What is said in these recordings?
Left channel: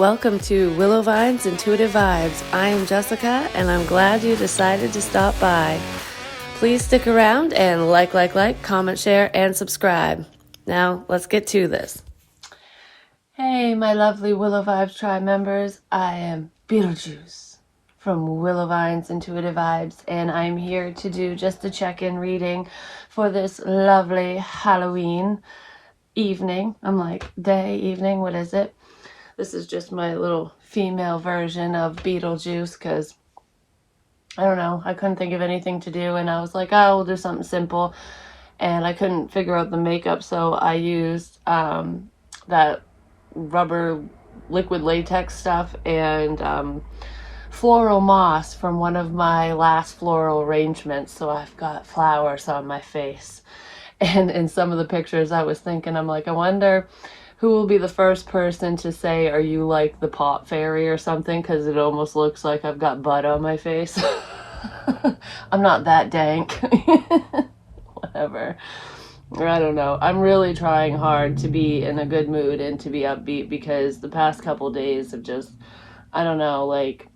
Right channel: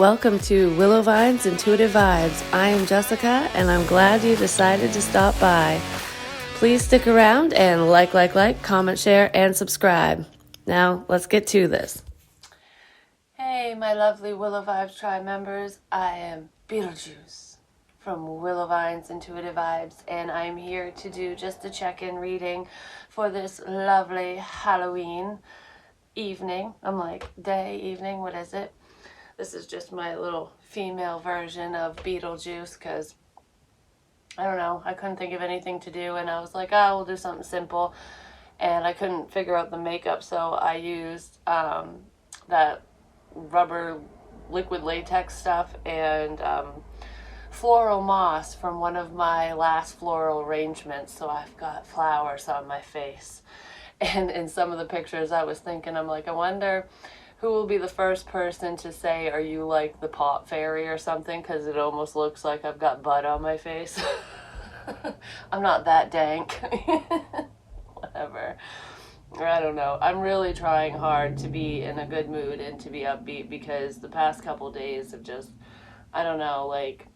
Welcome to Willow Vine's Intuitive Vibes. I am Jessica, and I'm glad you decided to stop by. Please stick around and like, comment, share, and subscribe. Now, let's get to this. Hey, my lovely Willow Vibes Tribe members. I am Beetlejuice from Willow Vine's Intuitive Vibes, and I'm here to do just a check-in reading for this lovely Halloween evening. I'm like, day, evening, what is it? This is just my little female version of Beetlejuice because, I don't know, I couldn't think of anything to do, and I was like, oh, we'll do something simple, and I couldn't figure out the makeup, so I used that rubber liquid latex stuff and floral moss from one of my last floral arrangements, so I've got flowers on my face. And in some of the pictures I was thinking, I'm like, I wonder who will be the first person to say, are you like the pot fairy or something? Because it almost looks like I've got butt on my face. I'm not that dank. Whatever. I don't know. I'm really trying hard to be in a good mood and to be upbeat because the past couple days have just, I don't know, like,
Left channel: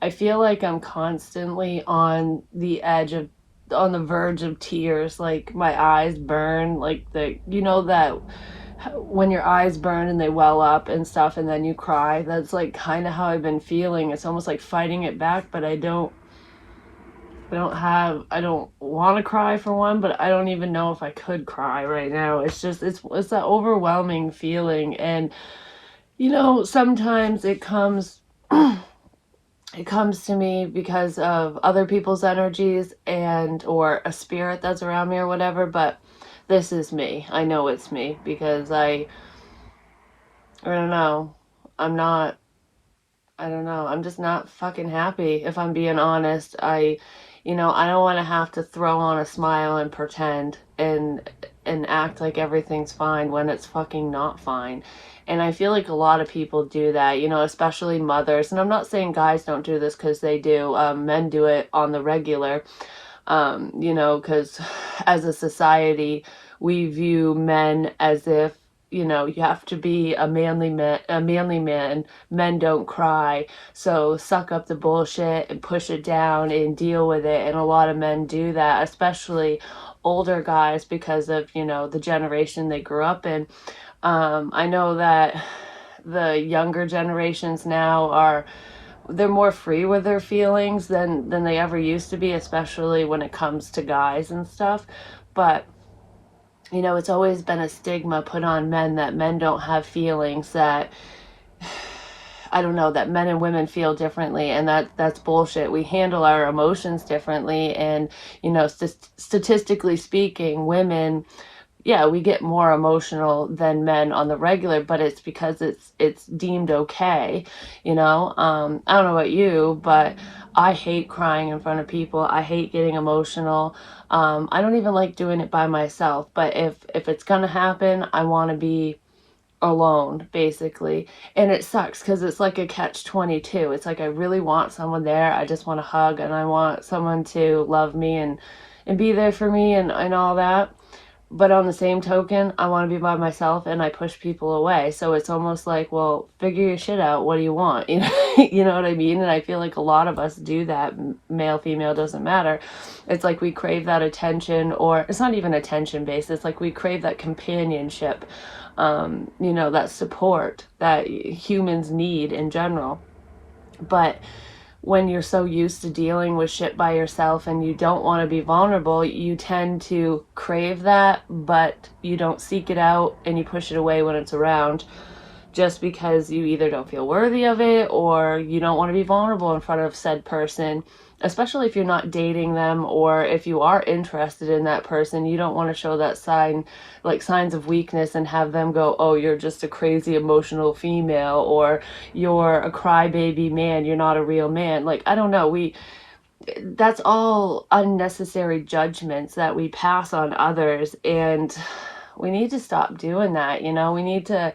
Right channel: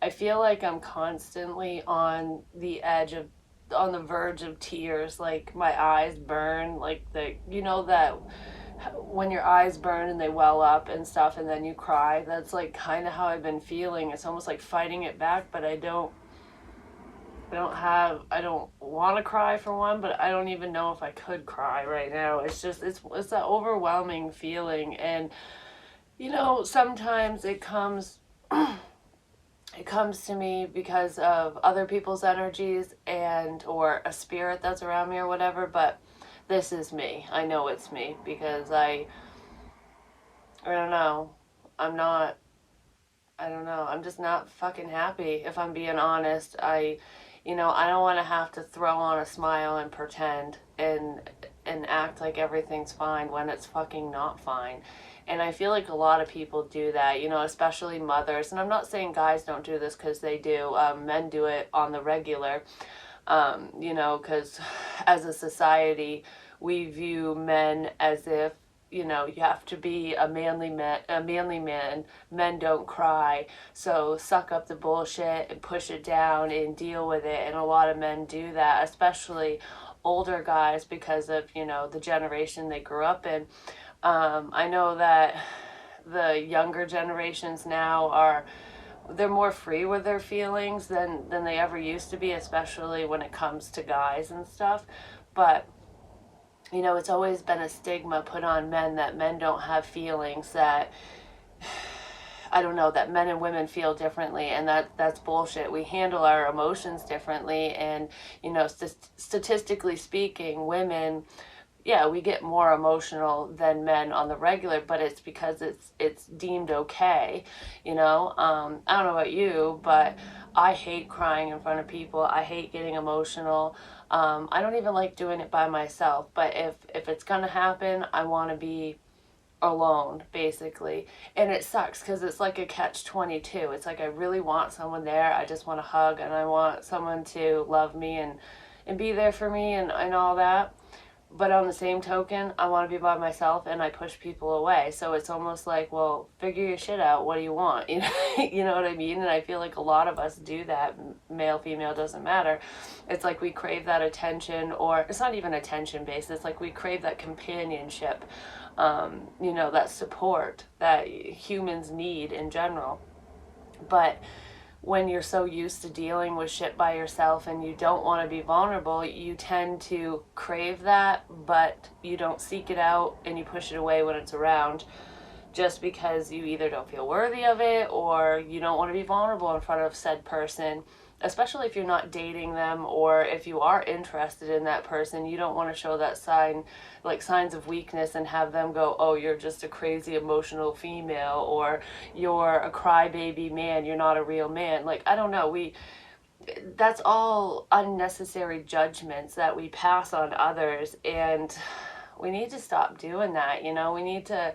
I feel like I'm constantly on the verge of tears. Like, my eyes burn, like that when your eyes burn and they well up and stuff and then you cry. That's like kind of how I've been feeling. It's almost like fighting it back, but I don't want to cry for one, but I don't even know if I could cry right now. It's just it's that overwhelming feeling. And sometimes it comes to me because of other people's energies or a spirit that's around me or whatever, but this is me. I know it's me because I don't know. I'm just not fucking happy, if I'm being honest. I don't want to have to throw on a smile and pretend and act like everything's fine when it's fucking not fine. And I feel like a lot of people do that, especially mothers. And I'm not saying guys don't do this, because they do. Men do it on the regular. Because as a society, we view men as if, you have to be a manly man. Men don't cry, so suck up the bullshit and push it down and deal with it. And a lot of men do that, especially older guys, because of, the generation they grew up in. I know that the younger generations now they're more free with their feelings than they ever used to be, especially when it comes to guys and stuff. But it's always been a stigma put on men that men don't have feelings, that I don't know, that men and women feel differently, and that's bullshit. We handle our emotions differently, and statistically speaking, women, yeah, we get more emotional than men on the regular, but it's because it's deemed okay, I don't know about you, but I hate crying in front of people. I hate getting emotional. I don't even like doing it by myself, but if it's gonna happen, I want to be alone, basically. And it sucks because it's like a catch-22. It's like I really want someone there. I just want to hug, and I want someone to love me and be there for me and all that. But on the same token, I want to be by myself, and I push people away. So it's almost like, well, figure your shit out. What do you want? You know what I mean? And I feel like a lot of us do that. Male, female, doesn't matter. It's like we crave that attention, or it's not even attention based. It's like we crave that companionship, that support that humans need in general. But when you're so used to dealing with shit by yourself and you don't want to be vulnerable, you tend to crave that, but you don't seek it out and you push it away when it's around, just because you either don't feel worthy of it or you don't want to be vulnerable in front of said person. Especially if you're not dating them, or if you are interested in that person, you don't want to show that signs of weakness and have them go, oh, you're just a crazy emotional female, or you're a crybaby man, you're not a real man. Like, I don't know, that's all unnecessary judgments that we pass on others, and we need to stop doing that. We need to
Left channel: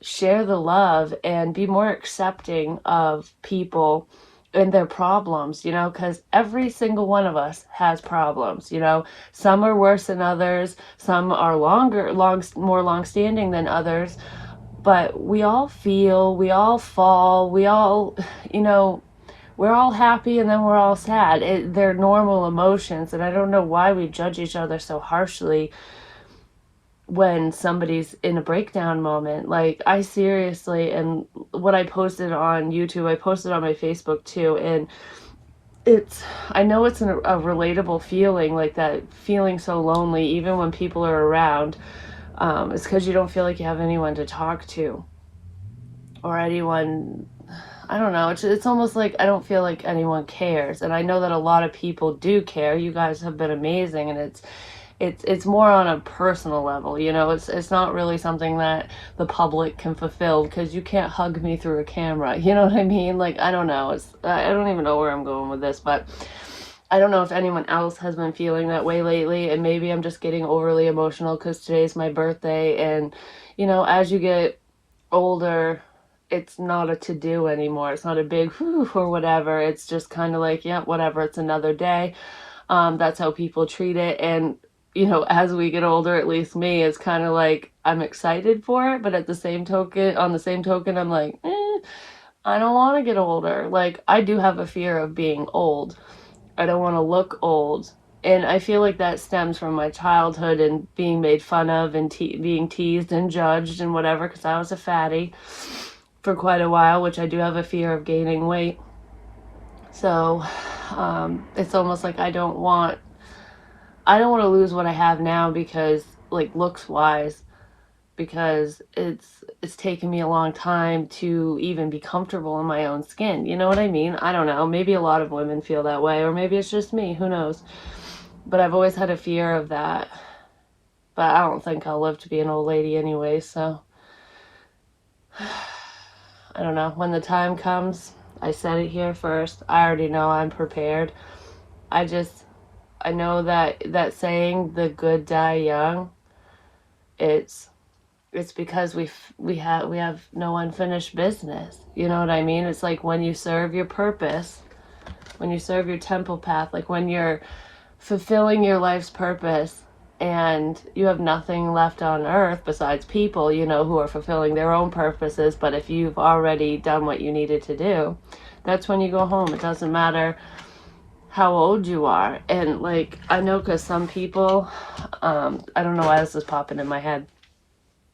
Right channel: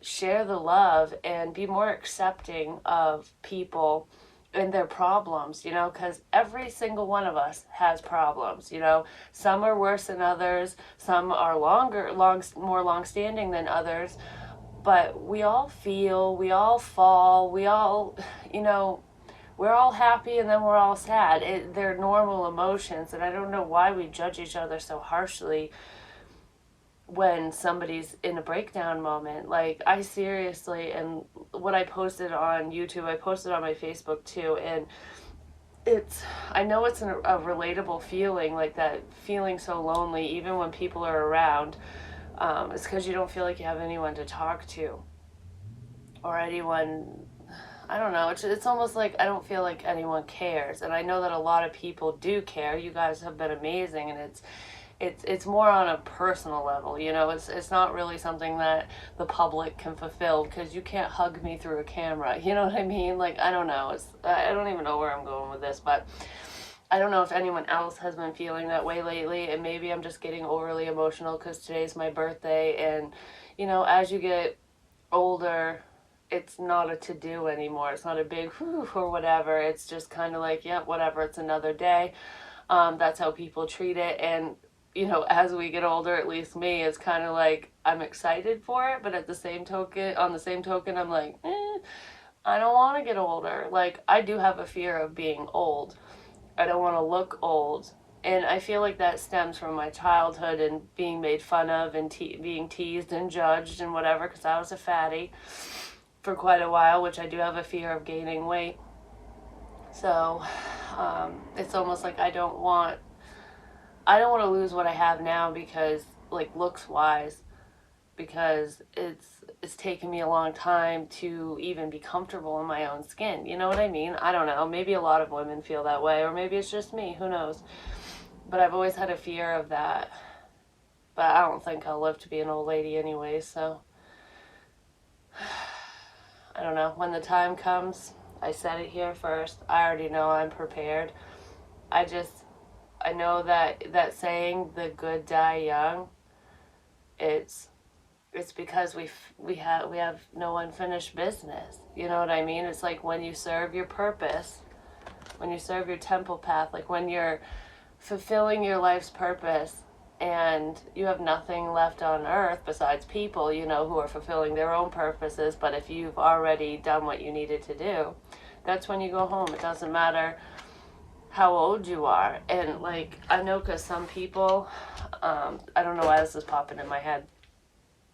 share the love and be more accepting of people and their problems, because every single one of us has problems. Some are worse than others, some are more long-standing than others, but we all feel, we all fall, we all, you know, we're all happy and then we're all sad. They're normal emotions, and I don't know why we judge each other so harshly when somebody's in a breakdown moment. Like, I seriously, and what I posted on YouTube, I posted on my Facebook too, and I know it's a relatable feeling, like that feeling so lonely even when people are around. It's because you don't feel like you have anyone to talk to or anyone. I don't know. It's almost like I don't feel like anyone cares, and I know that a lot of people do care. You guys have been amazing, and it's more on a personal level. You know, it's not really something that the public can fulfill, because you can't hug me through a camera. You know what I mean? Like, I don't know. I don't even know where I'm going with this, but I don't know if anyone else has been feeling that way lately, and maybe I'm just getting overly emotional because today's my birthday, and you know, as you get older, it's not a to-do anymore. It's not a big whew or whatever. It's just kind of like, yeah, whatever, it's another day. That's how people treat it. And, you know, as we get older, at least me, it's kind of like I'm excited for it, but at the same token, on the same token, I'm like, I don't want to get older. Like, I do have a fear of being old. I don't want to look old. And I feel like that stems from my childhood and being made fun of and being teased and judged and whatever, because I was a fatty for quite a while, which I do have a fear of gaining weight. So it's almost like I don't want to lose what I have now, because, like, looks wise, because it's taken me a long time to even be comfortable in my own skin. You know what I mean? I don't know. Maybe a lot of women feel that way, or maybe it's just me. Who knows? But I've always had a fear of that. But I don't think I'll live to be an old lady anyway, so I don't know. When the time comes, I said it here first. I already know I'm prepared. I know that saying, the good die young, it's because we have no unfinished business. You know what I mean? It's like when you serve your purpose, when you serve your temple path, like when you're fulfilling your life's purpose and you have nothing left on earth besides people, you know, who are fulfilling their own purposes. But if you've already done what you needed to do, that's when you go home. It doesn't matter how old you are. And like, I know, because some people, I don't know why this is popping in my head.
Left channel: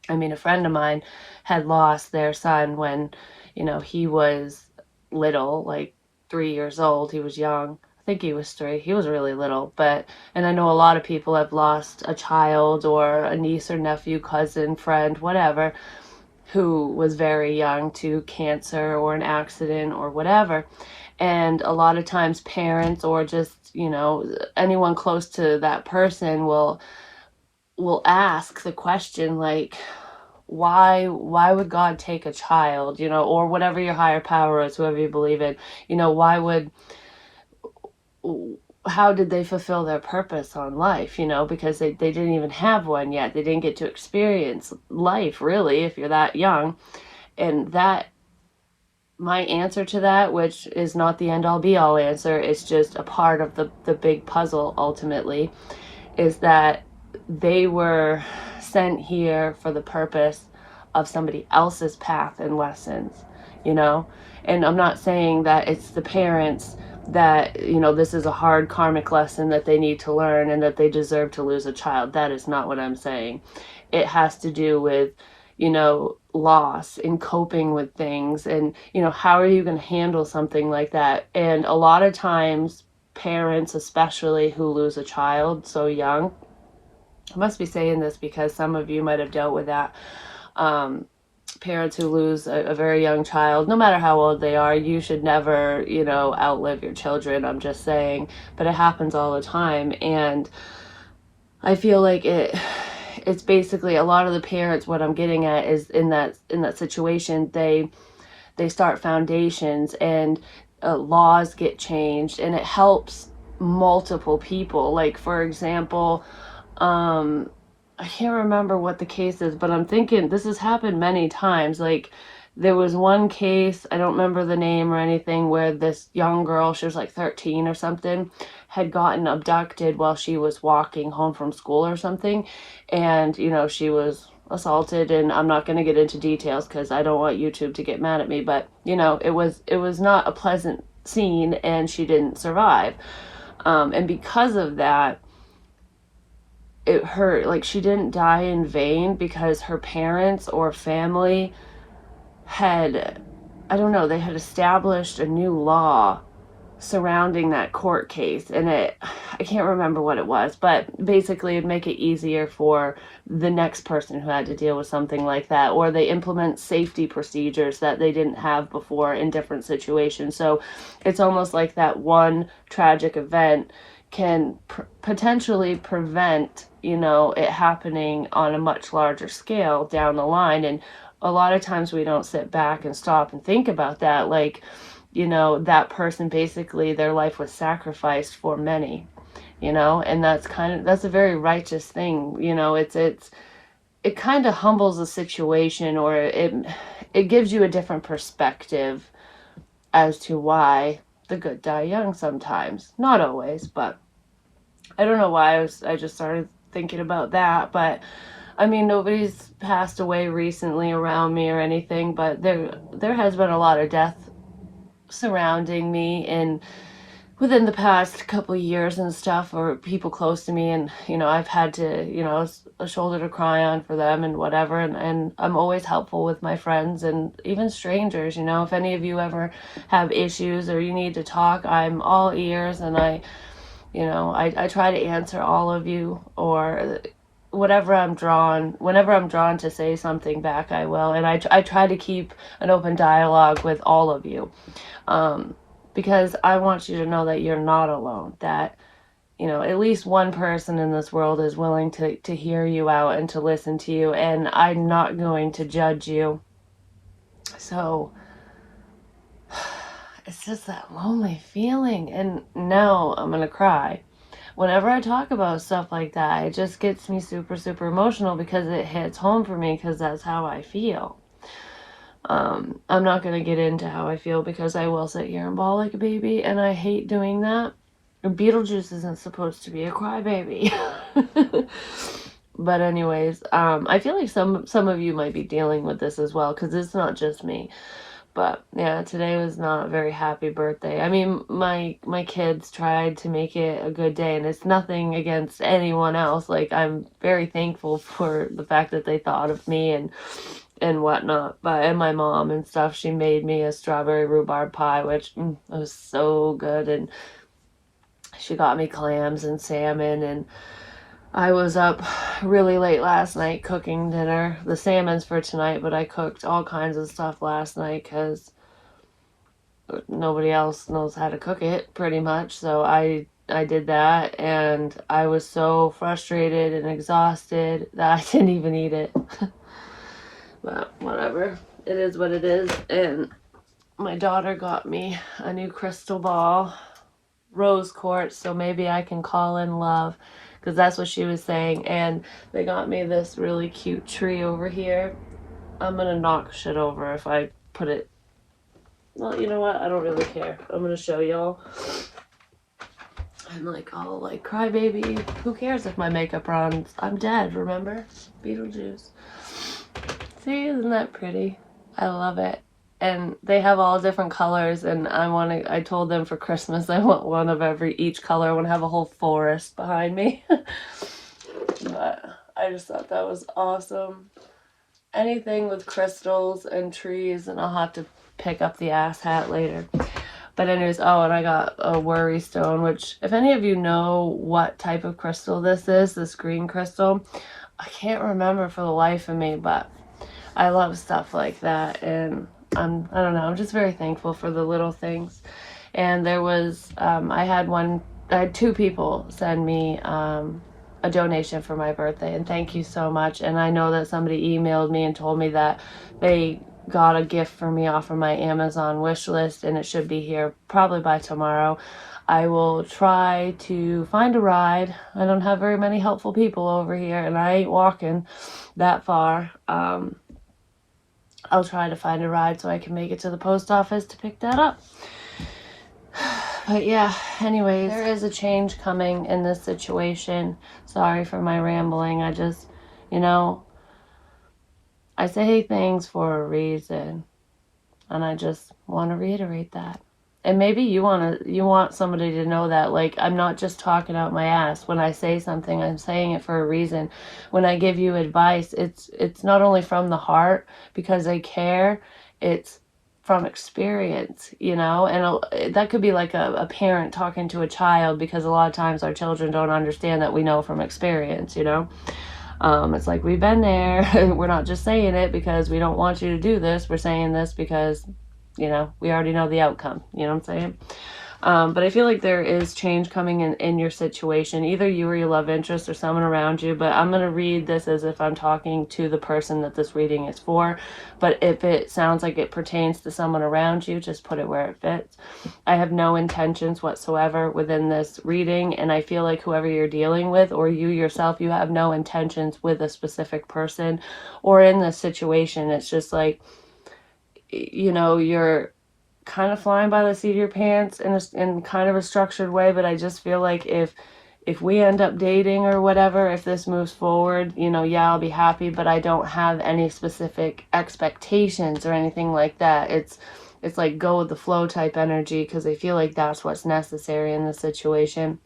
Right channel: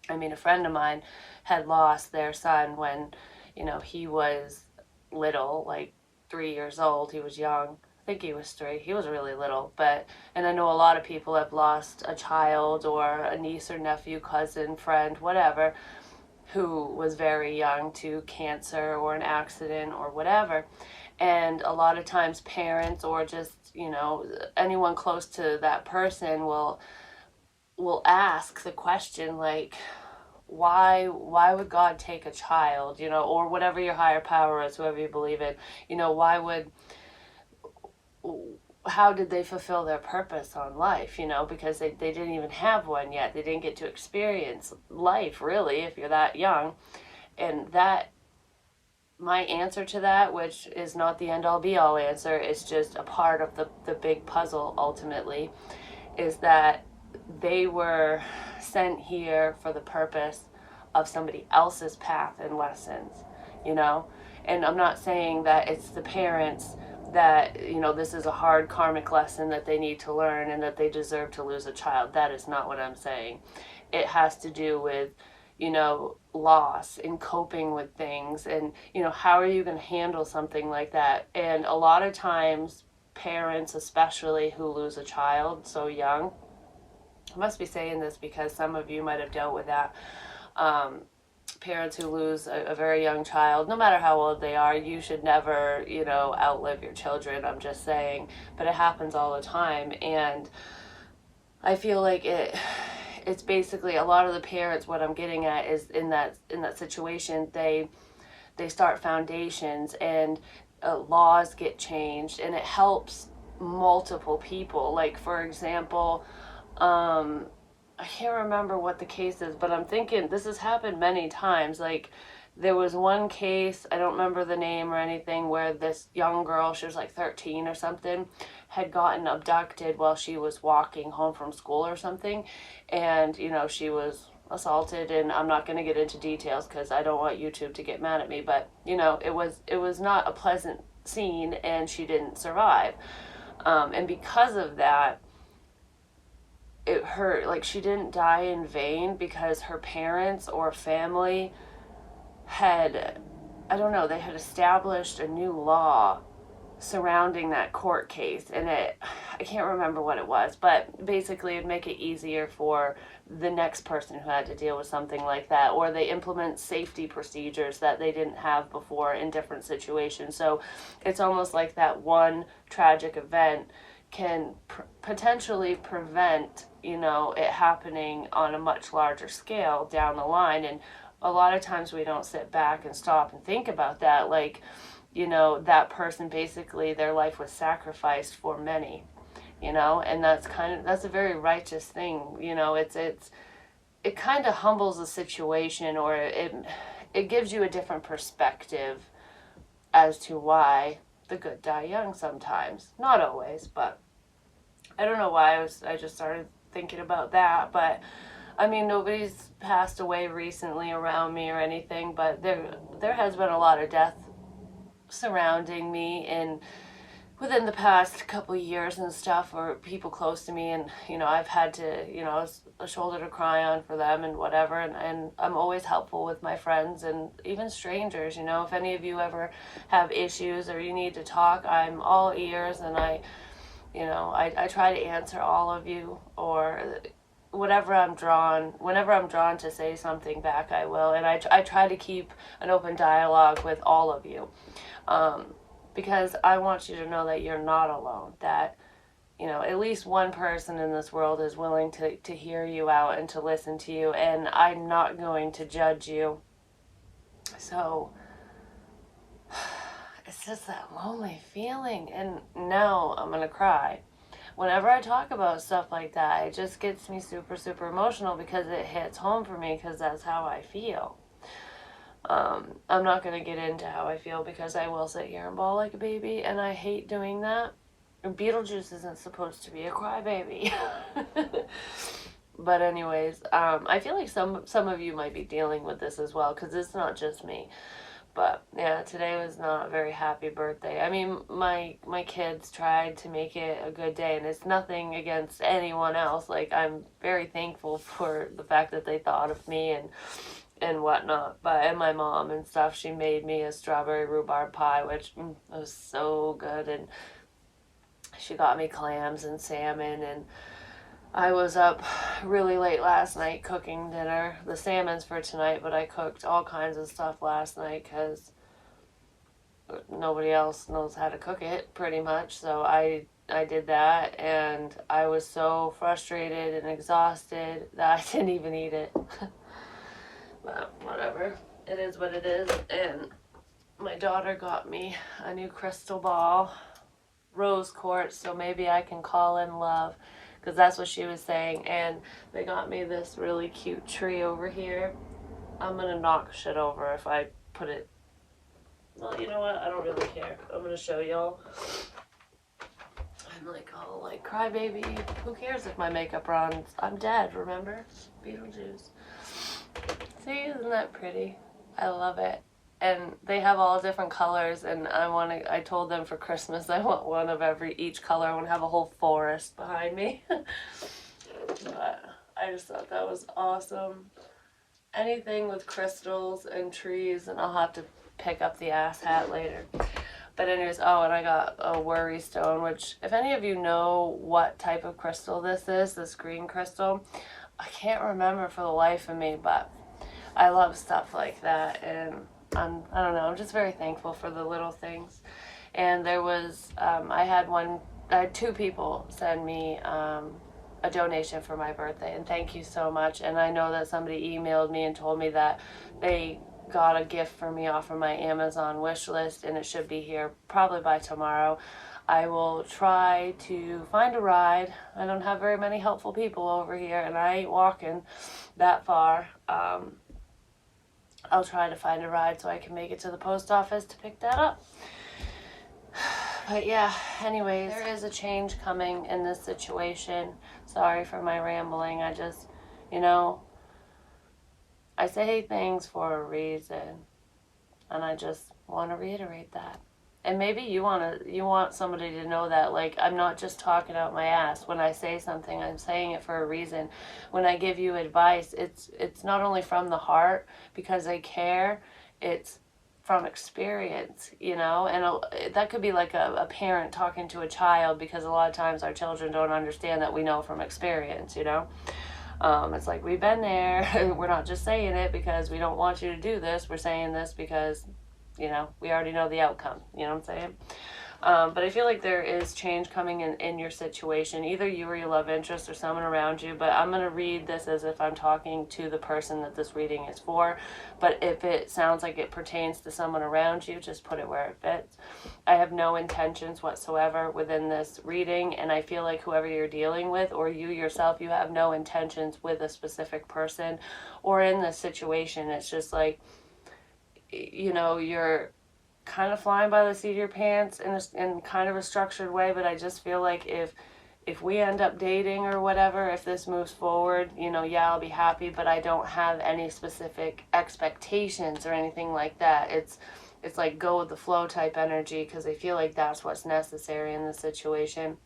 I mean, a friend of mine had lost their son when, you know, he was little, like 3 years old. He was young. I think he was 3. He was really little. And I know a lot of people have lost a child or a niece or nephew, cousin, friend, whatever, who was very young to cancer or an accident or whatever. And a lot of times parents, or just, you know, anyone close to that person will ask the question, like, why would God take a child, you know, or whatever your higher power is, whoever you believe in, you know, how did they fulfill their purpose on life, you know, because they didn't even have one yet. They didn't get to experience life, really, if you're that young. And that, my answer to that, which is not the end all be all answer, it's just a part of the big puzzle ultimately, is that they were sent here for the purpose of somebody else's path and lessons, you know? And I'm not saying that it's the parents that, you know, this is a hard karmic lesson that they need to learn and that they deserve to lose a child. That is not what I'm saying. It has to do with, you know, loss and coping with things, and, you know, how are you going to handle something like that? And a lot of times, parents especially who lose a child so young, I must be saying this because some of you might have dealt with that. Parents who lose a very young child, no matter how old they are, you should never, you know, outlive your children. I'm just saying, but it happens all the time. And I feel like it's basically a lot of the parents, what I'm getting at is in that situation, they start foundations, and laws get changed, and it helps multiple people. Like, for example, I can't remember what the case is, but I'm thinking this has happened many times. Like, there was one case, I don't remember the name or anything, where this young girl, she was like 13 or something, had gotten abducted while she was walking home from school or something. And, you know, she was assaulted, and I'm not going to get into details because I don't want YouTube to get mad at me, but you know, it was not a pleasant scene, and she didn't survive. And because of that, it hurt. Like, she didn't die in vain because her parents or family had, I don't know, they had established a new law surrounding that court case, and I can't remember what it was, but basically it'd make it easier for the next person who had to deal with something like that, or they implement safety procedures that they didn't have before in different situations. So it's almost like that one tragic event can potentially prevent, you know, it happening on a much larger scale down the line. And a lot of times we don't sit back and stop and think about that. Like, you know, that person, basically their life was sacrificed for many, you know, and that's a very righteous thing. You know, it kind of humbles a situation, or it gives you a different perspective as to why the good die young sometimes. Not always, but I don't know why I just started thinking about that. But I mean, nobody's passed away recently around me or anything, but there has been a lot of death surrounding me and within the past couple of years and stuff, or people close to me, and you know, I've had to, you know, a shoulder to cry on for them and whatever, and I'm always helpful with my friends and even strangers. You know, if any of you ever have issues or you need to talk, I'm all ears, and I try to answer all of you, or whenever I'm drawn to say something back, I will. And I try to keep an open dialogue with all of you, because I want you to know that you're not alone, that, you know, at least one person in this world is willing to hear you out and to listen to you, and I'm not going to judge you. So it's just that lonely feeling, and now I'm gonna cry. Whenever I talk about stuff like that, it just gets me super, super emotional because it hits home for me, because that's how I feel. I'm not going to get into how I feel because I will sit here and bawl like a baby, and I hate doing that. Beetlejuice isn't supposed to be a crybaby. But anyways, I feel like some of you might be dealing with this as well, because it's not just me. But yeah, today was not a very happy birthday. I mean, my kids tried to make it a good day, and it's nothing against anyone else. Like, I'm very thankful for the fact that they thought of me and whatnot. But and my mom and stuff, she made me a strawberry rhubarb pie, which was so good, and she got me clams and salmon, and I was up really late last night cooking dinner. The salmon's for tonight, but I cooked all kinds of stuff last night because nobody else knows how to cook it, pretty much. So I did that, and I was so frustrated and exhausted that I didn't even eat it. But whatever. It is what it is. And my daughter got me a new crystal ball, rose quartz, so maybe I can call in love, because that's what she was saying. And they got me this really cute tree over here. I'm gonna knock shit over if I put it. Well, you know what? I don't really care. I'm gonna show y'all. I'm like, oh, like, crybaby. Who cares if my makeup runs? I'm dead, remember? Beetlejuice. See, isn't that pretty? I love it. And they have all different colors, and I told them for Christmas I want one of each color. I want to have a whole forest behind me. But I just thought that was awesome. Anything with crystals and trees, and I'll have to pick up the ass hat later. But anyways, oh, and I got a worry stone, which, if any of you know what type of crystal this is, this green crystal, I can't remember for the life of me, but I love stuff like that, and I don't know, I'm just very thankful for the little things. And there was, I had two people send me a donation for my birthday, and thank you so much. And I know that somebody emailed me and told me that they got a gift for me off of my Amazon wish list, and it should be here probably by tomorrow. I will try to find a ride. I don't have very many helpful people over here, and I ain't walking that far. I'll try to find a ride so I can make it to the post office to pick that up. But yeah, anyways, there is a change coming in this situation. Sorry for my rambling. I just, you know, I say things for a reason, and I just want to reiterate that. And maybe you want somebody to know that, like, I'm not just talking out my ass. When I say something, I'm saying it for a reason. When I give you advice, it's not only from the heart because I care, it's from experience, you know. And that could be like a parent talking to a child, because a lot of times our children don't understand that we know from experience, you know. It's like, we've been there. We're not just saying it because we don't want you to do this. We're saying this because, you know, we already know the outcome. You know what I'm saying? But I feel like there is change coming in your situation, either you or your love interest or someone around you. But I'm going to read this as if I'm talking to the person that this reading is for. But if it sounds like it pertains to someone around you, just put it where it fits. I have no intentions whatsoever within this reading. And I feel like whoever you're dealing with, or you yourself, you have no intentions with a specific person or in this situation. It's just like, you know, you're kind of flying by the seat of your pants in kind of a structured way. But I just feel like if we end up dating or whatever, if this moves forward, you know, yeah, I'll be happy, but I don't have any specific expectations or anything like that. It's like go with the flow type energy, because I feel like that's what's necessary in this situation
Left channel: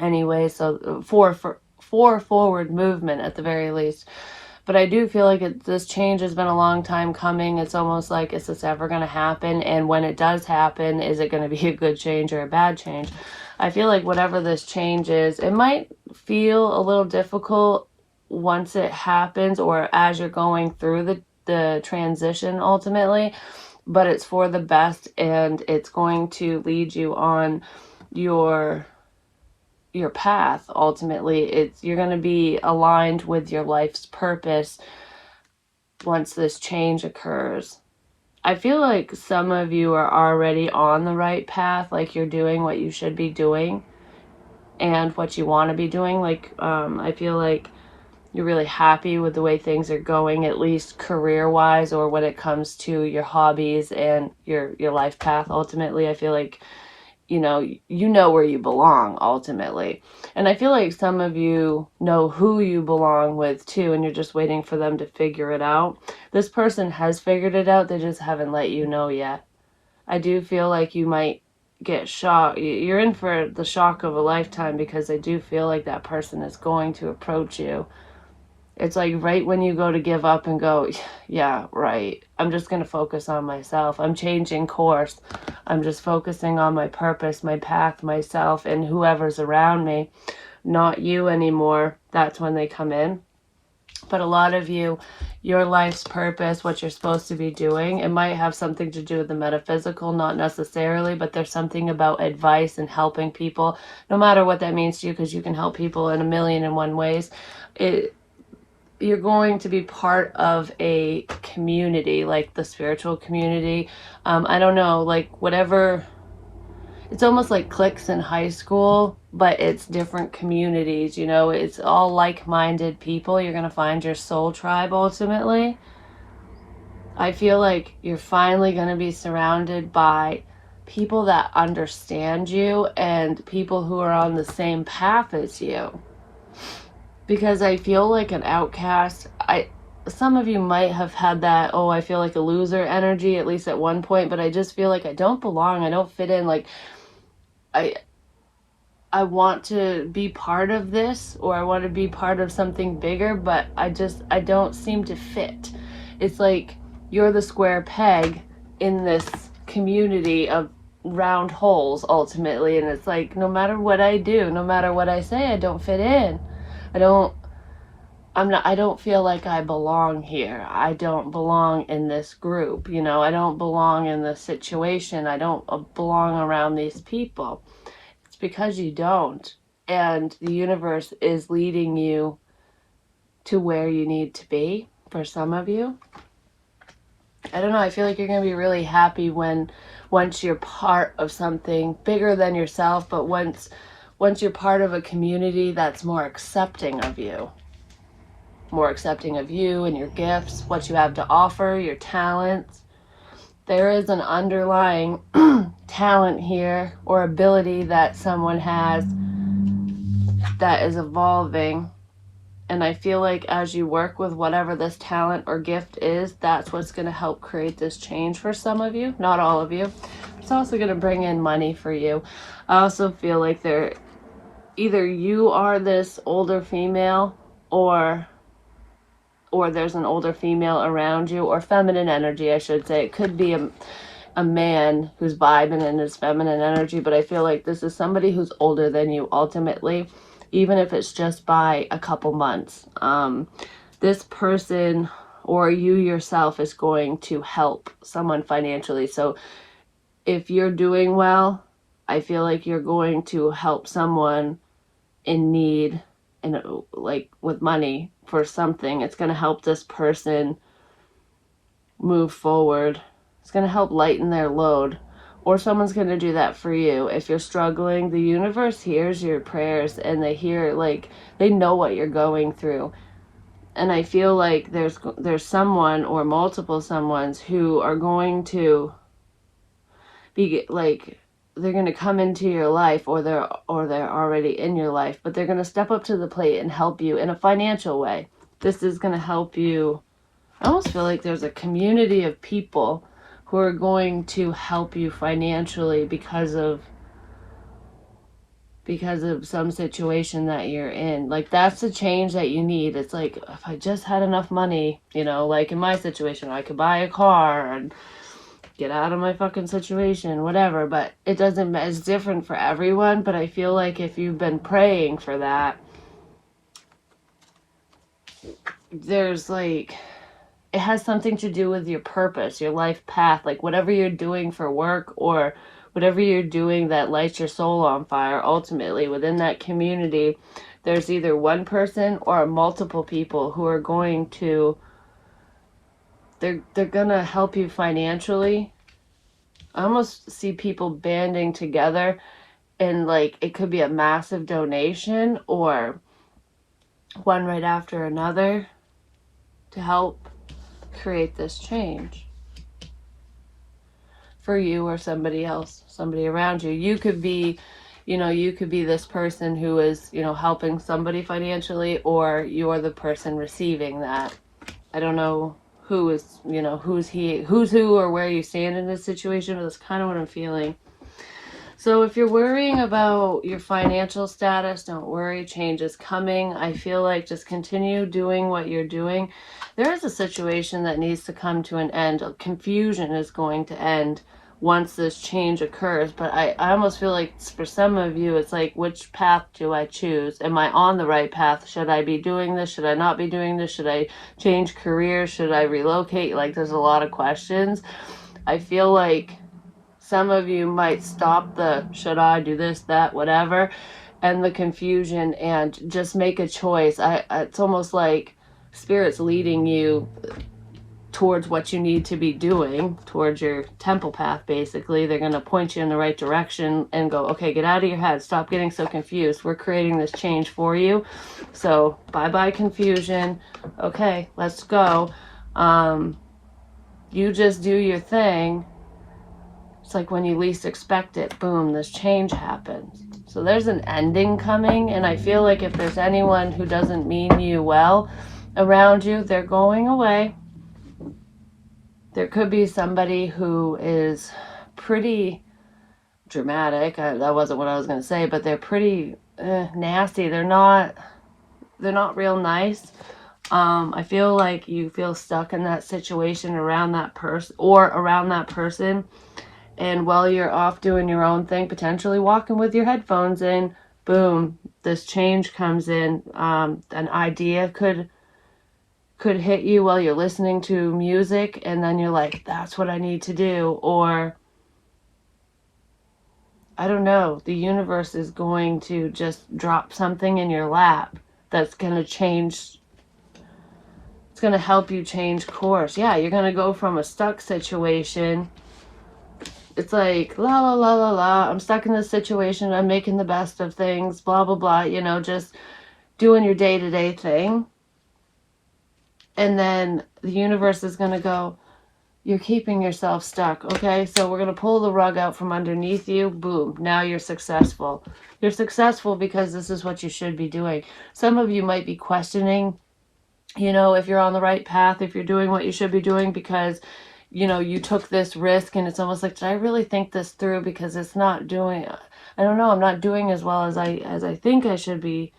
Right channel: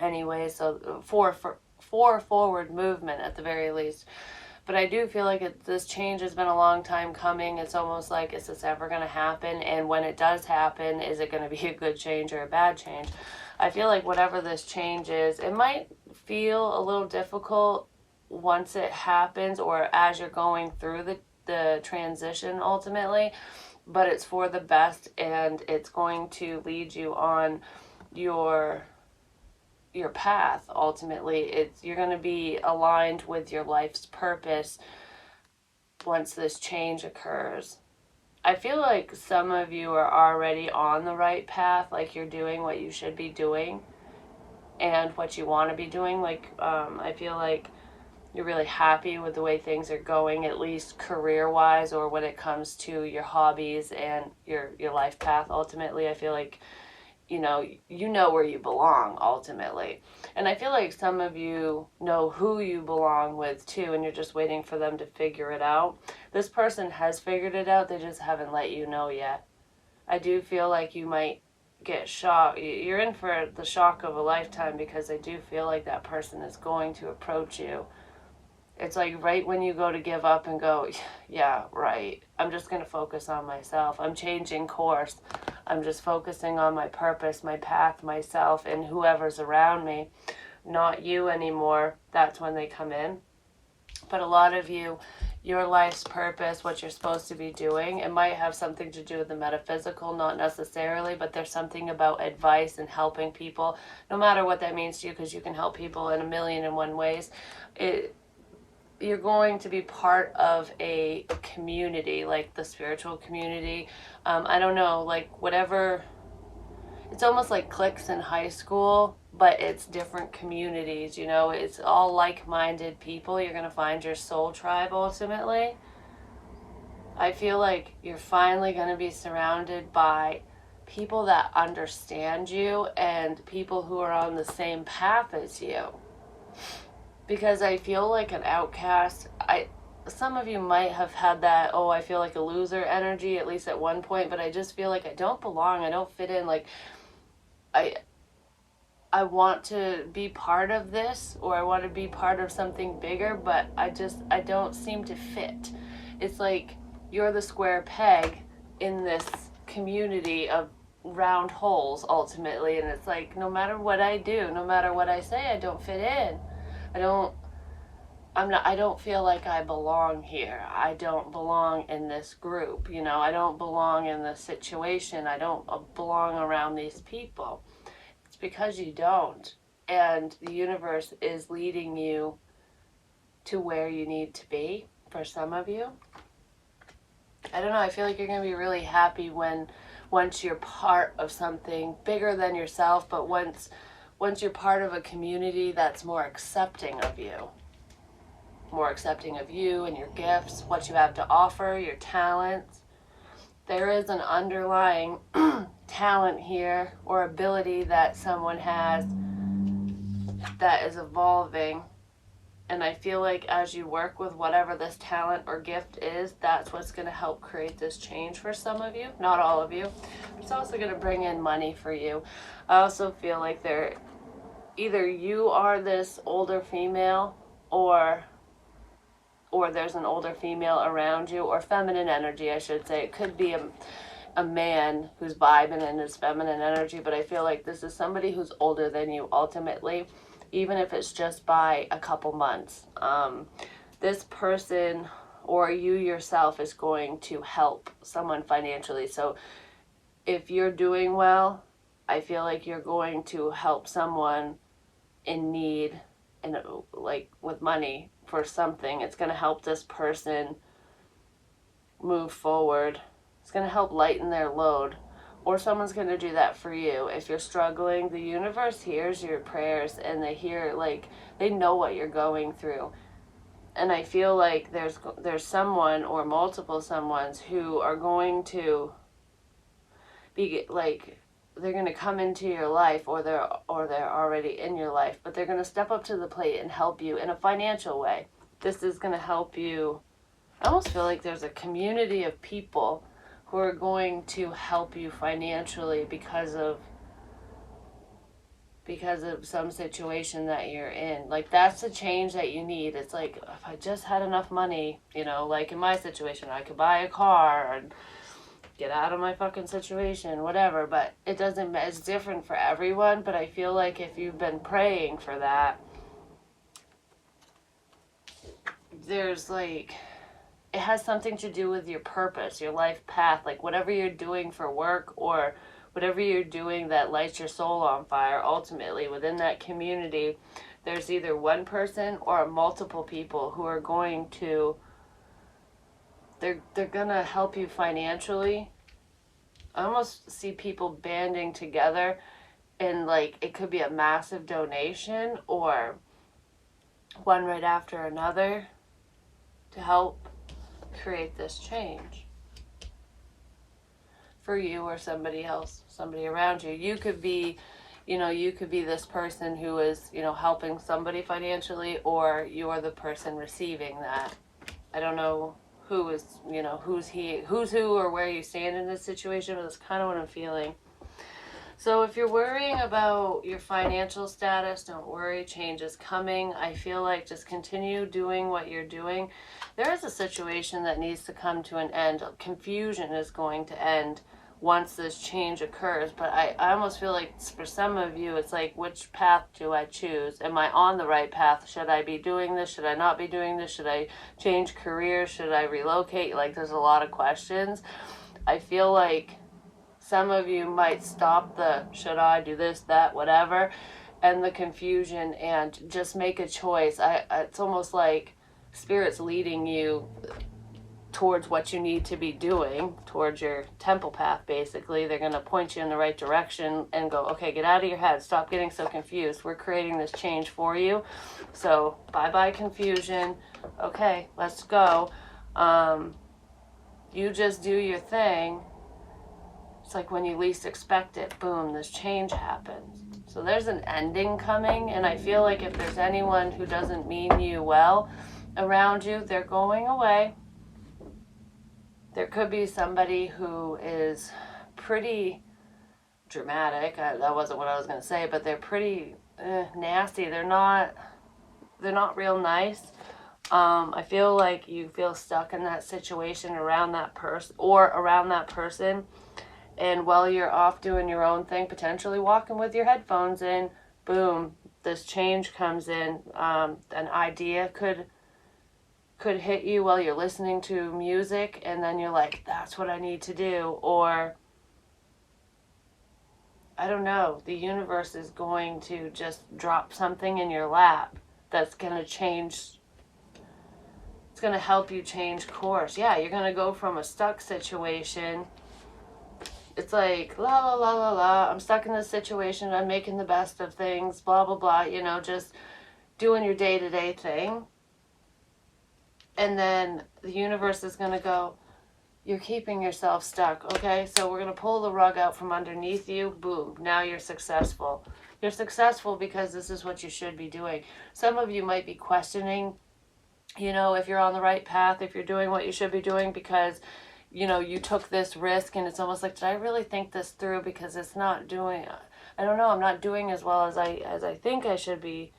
anyway. So for forward movement at the very least. But I do feel like this change has been a long time coming. It's almost like, is this ever going to happen? And when it does happen, is it going to be a good change or a bad change? I feel like whatever this change is, it might feel a little difficult once it happens, or as you're going through the transition ultimately, but it's for the best, and it's going to lead you on your path. Ultimately, you're going to be aligned with your life's purpose once this change occurs. I feel like some of you are already on the right path, like you're doing what you should be doing and what you want to be doing. Like, I feel like you're really happy with the way things are going, at least career-wise, or when it comes to your hobbies and your life path. Ultimately, I feel like you know where you belong ultimately. And I feel like some of you know who you belong with too, and you're just waiting for them to figure it out. This person has figured it out, they just haven't let you know yet. I do feel like you might get shocked. You're in for the shock of a lifetime, because I do feel like that person is going to approach you. It's like right when you go to give up and go, yeah, right, I'm just going to focus on myself. I'm changing course. I'm just focusing on my purpose, my path, myself, and whoever's around me, not you anymore. That's when they come in. But a lot of you, your life's purpose, what you're supposed to be doing, it might have something to do with the metaphysical, not necessarily, but there's something about advice and helping people, no matter what that means to you, because you can help people in a million and one ways. You're going to be part of a community, like the spiritual community. I don't know, like whatever. It's almost like cliques in high school, but it's different communities, you know. It's all like-minded people. You're going to find your soul tribe ultimately. I feel like you're finally going to be surrounded by people that understand you and people who are on the same path as you. Because I feel like an outcast. Some of you might have had that, oh, I feel like a loser energy, at least at one point, but I just feel like I don't belong, I don't fit in. Like I want to be part of this, or I want to be part of something bigger, but I don't seem to fit. It's like you're the square peg in this community of round holes ultimately, and it's like no matter what I do, no matter what I say, I don't fit in. I don't feel like I belong here. I don't belong in this group, you know. I don't belong in this situation. I don't belong around these people. It's because you don't. And the universe is leading you to where you need to be for some of you. I don't know. I feel like you're going to be really happy once you're part of something bigger than yourself, but once you're part of a community that's more accepting of you. More accepting of you and your gifts, what you have to offer, your talents. There is an underlying talent here or ability that someone has that is evolving, And I feel like as you work with whatever this talent or gift is, that's what's going to help create this change for some of you, not all of you. It's also going to bring in money for you. I also feel like either you are this older female, or there's an older female around you, or feminine energy, I should say. It could be a man who's vibing in his feminine energy, but I feel like this is somebody who's older than you ultimately, even if it's just by a couple months. This person or you yourself is going to help someone financially. So if you're doing well, I feel like you're going to help someone in need, and like with money for something. It's going to help this person move forward. It's going to help lighten their load, or someone's going to do that for you. If you're struggling, the universe hears your prayers, and they know what you're going through. And I feel like there's someone or multiple someones who are going to be like, they're going to come into your life, or they're already in your life, but they're going to step up to the plate and help you in a financial way. This is going to help you. I almost feel like there's a community of people who are going to help you financially because of some situation that you're in. Like, that's the change that you need. It's like, if I just had enough money, like in my situation, I could buy a car and get out of my fucking situation, whatever. But it's different for everyone. But I feel like if you've been praying for that, there's like, it has something to do with your purpose, your life path, like whatever you're doing for work, or whatever you're doing that lights your soul on fire. Ultimately, within that community, there's either one person or multiple people who are going to, they're gonna help you financially. I almost see people banding together, and like, it could be a massive donation or one right after another to help create this change for you or somebody else, somebody around you. You could be this person who is, helping somebody financially, or you're the person receiving that. I don't know who is, who's who, or where you stand in this situation, but that's kind of what I'm feeling. So if you're worrying about your financial status, don't worry, change is coming. I feel like just continue doing what you're doing. There is a situation that needs to come to an end. Confusion is going to end once this change occurs. But I almost feel like for some of you, it's like, which path do I choose? Am I on the right path? Should I be doing this? Should I not be doing this? Should I change career? Should I relocate? Like, there's a lot of questions. I feel like some of you might stop the should I do this, that, whatever, and the confusion, and just make a choice. It's almost like Spirit's leading you towards what you need to be doing, towards your temple path, basically. They're going to point you in the right direction and go, okay, get out of your head. Stop getting so confused. We're creating this change for you. So bye-bye confusion. Okay, let's go. You just do your thing. It's like when you least expect it, boom, this change happens. So there's an ending coming, and I feel like if there's anyone who doesn't mean you well around you, they're going away. There could be somebody who is pretty dramatic. That wasn't what I was going to say, but they're pretty nasty. They're not real nice. I feel like you feel stuck in that situation around that person, and while you're off doing your own thing, potentially walking with your headphones in, boom, this change comes in. An idea could hit you while you're listening to music, and then you're like, that's what I need to do. Or, I don't know, the universe is going to just drop something in your lap that's going to change. It's going to help you change course. Yeah, you're going to go from a stuck situation. It's like, la, la, la, la, la, I'm stuck in this situation, I'm making the best of things, blah, blah, blah, just doing your day-to-day thing. And then the universe is going to go, you're keeping yourself stuck, okay? So we're going to pull the rug out from underneath you. Boom. Now you're successful. You're successful because this is what you should be doing. Some of you might be questioning, if you're on the right path, if you're doing what you should be doing, because, you took this risk, and it's almost like, did I really think this through? Because it's not doing, I don't know, I'm not doing as well as I think I should be.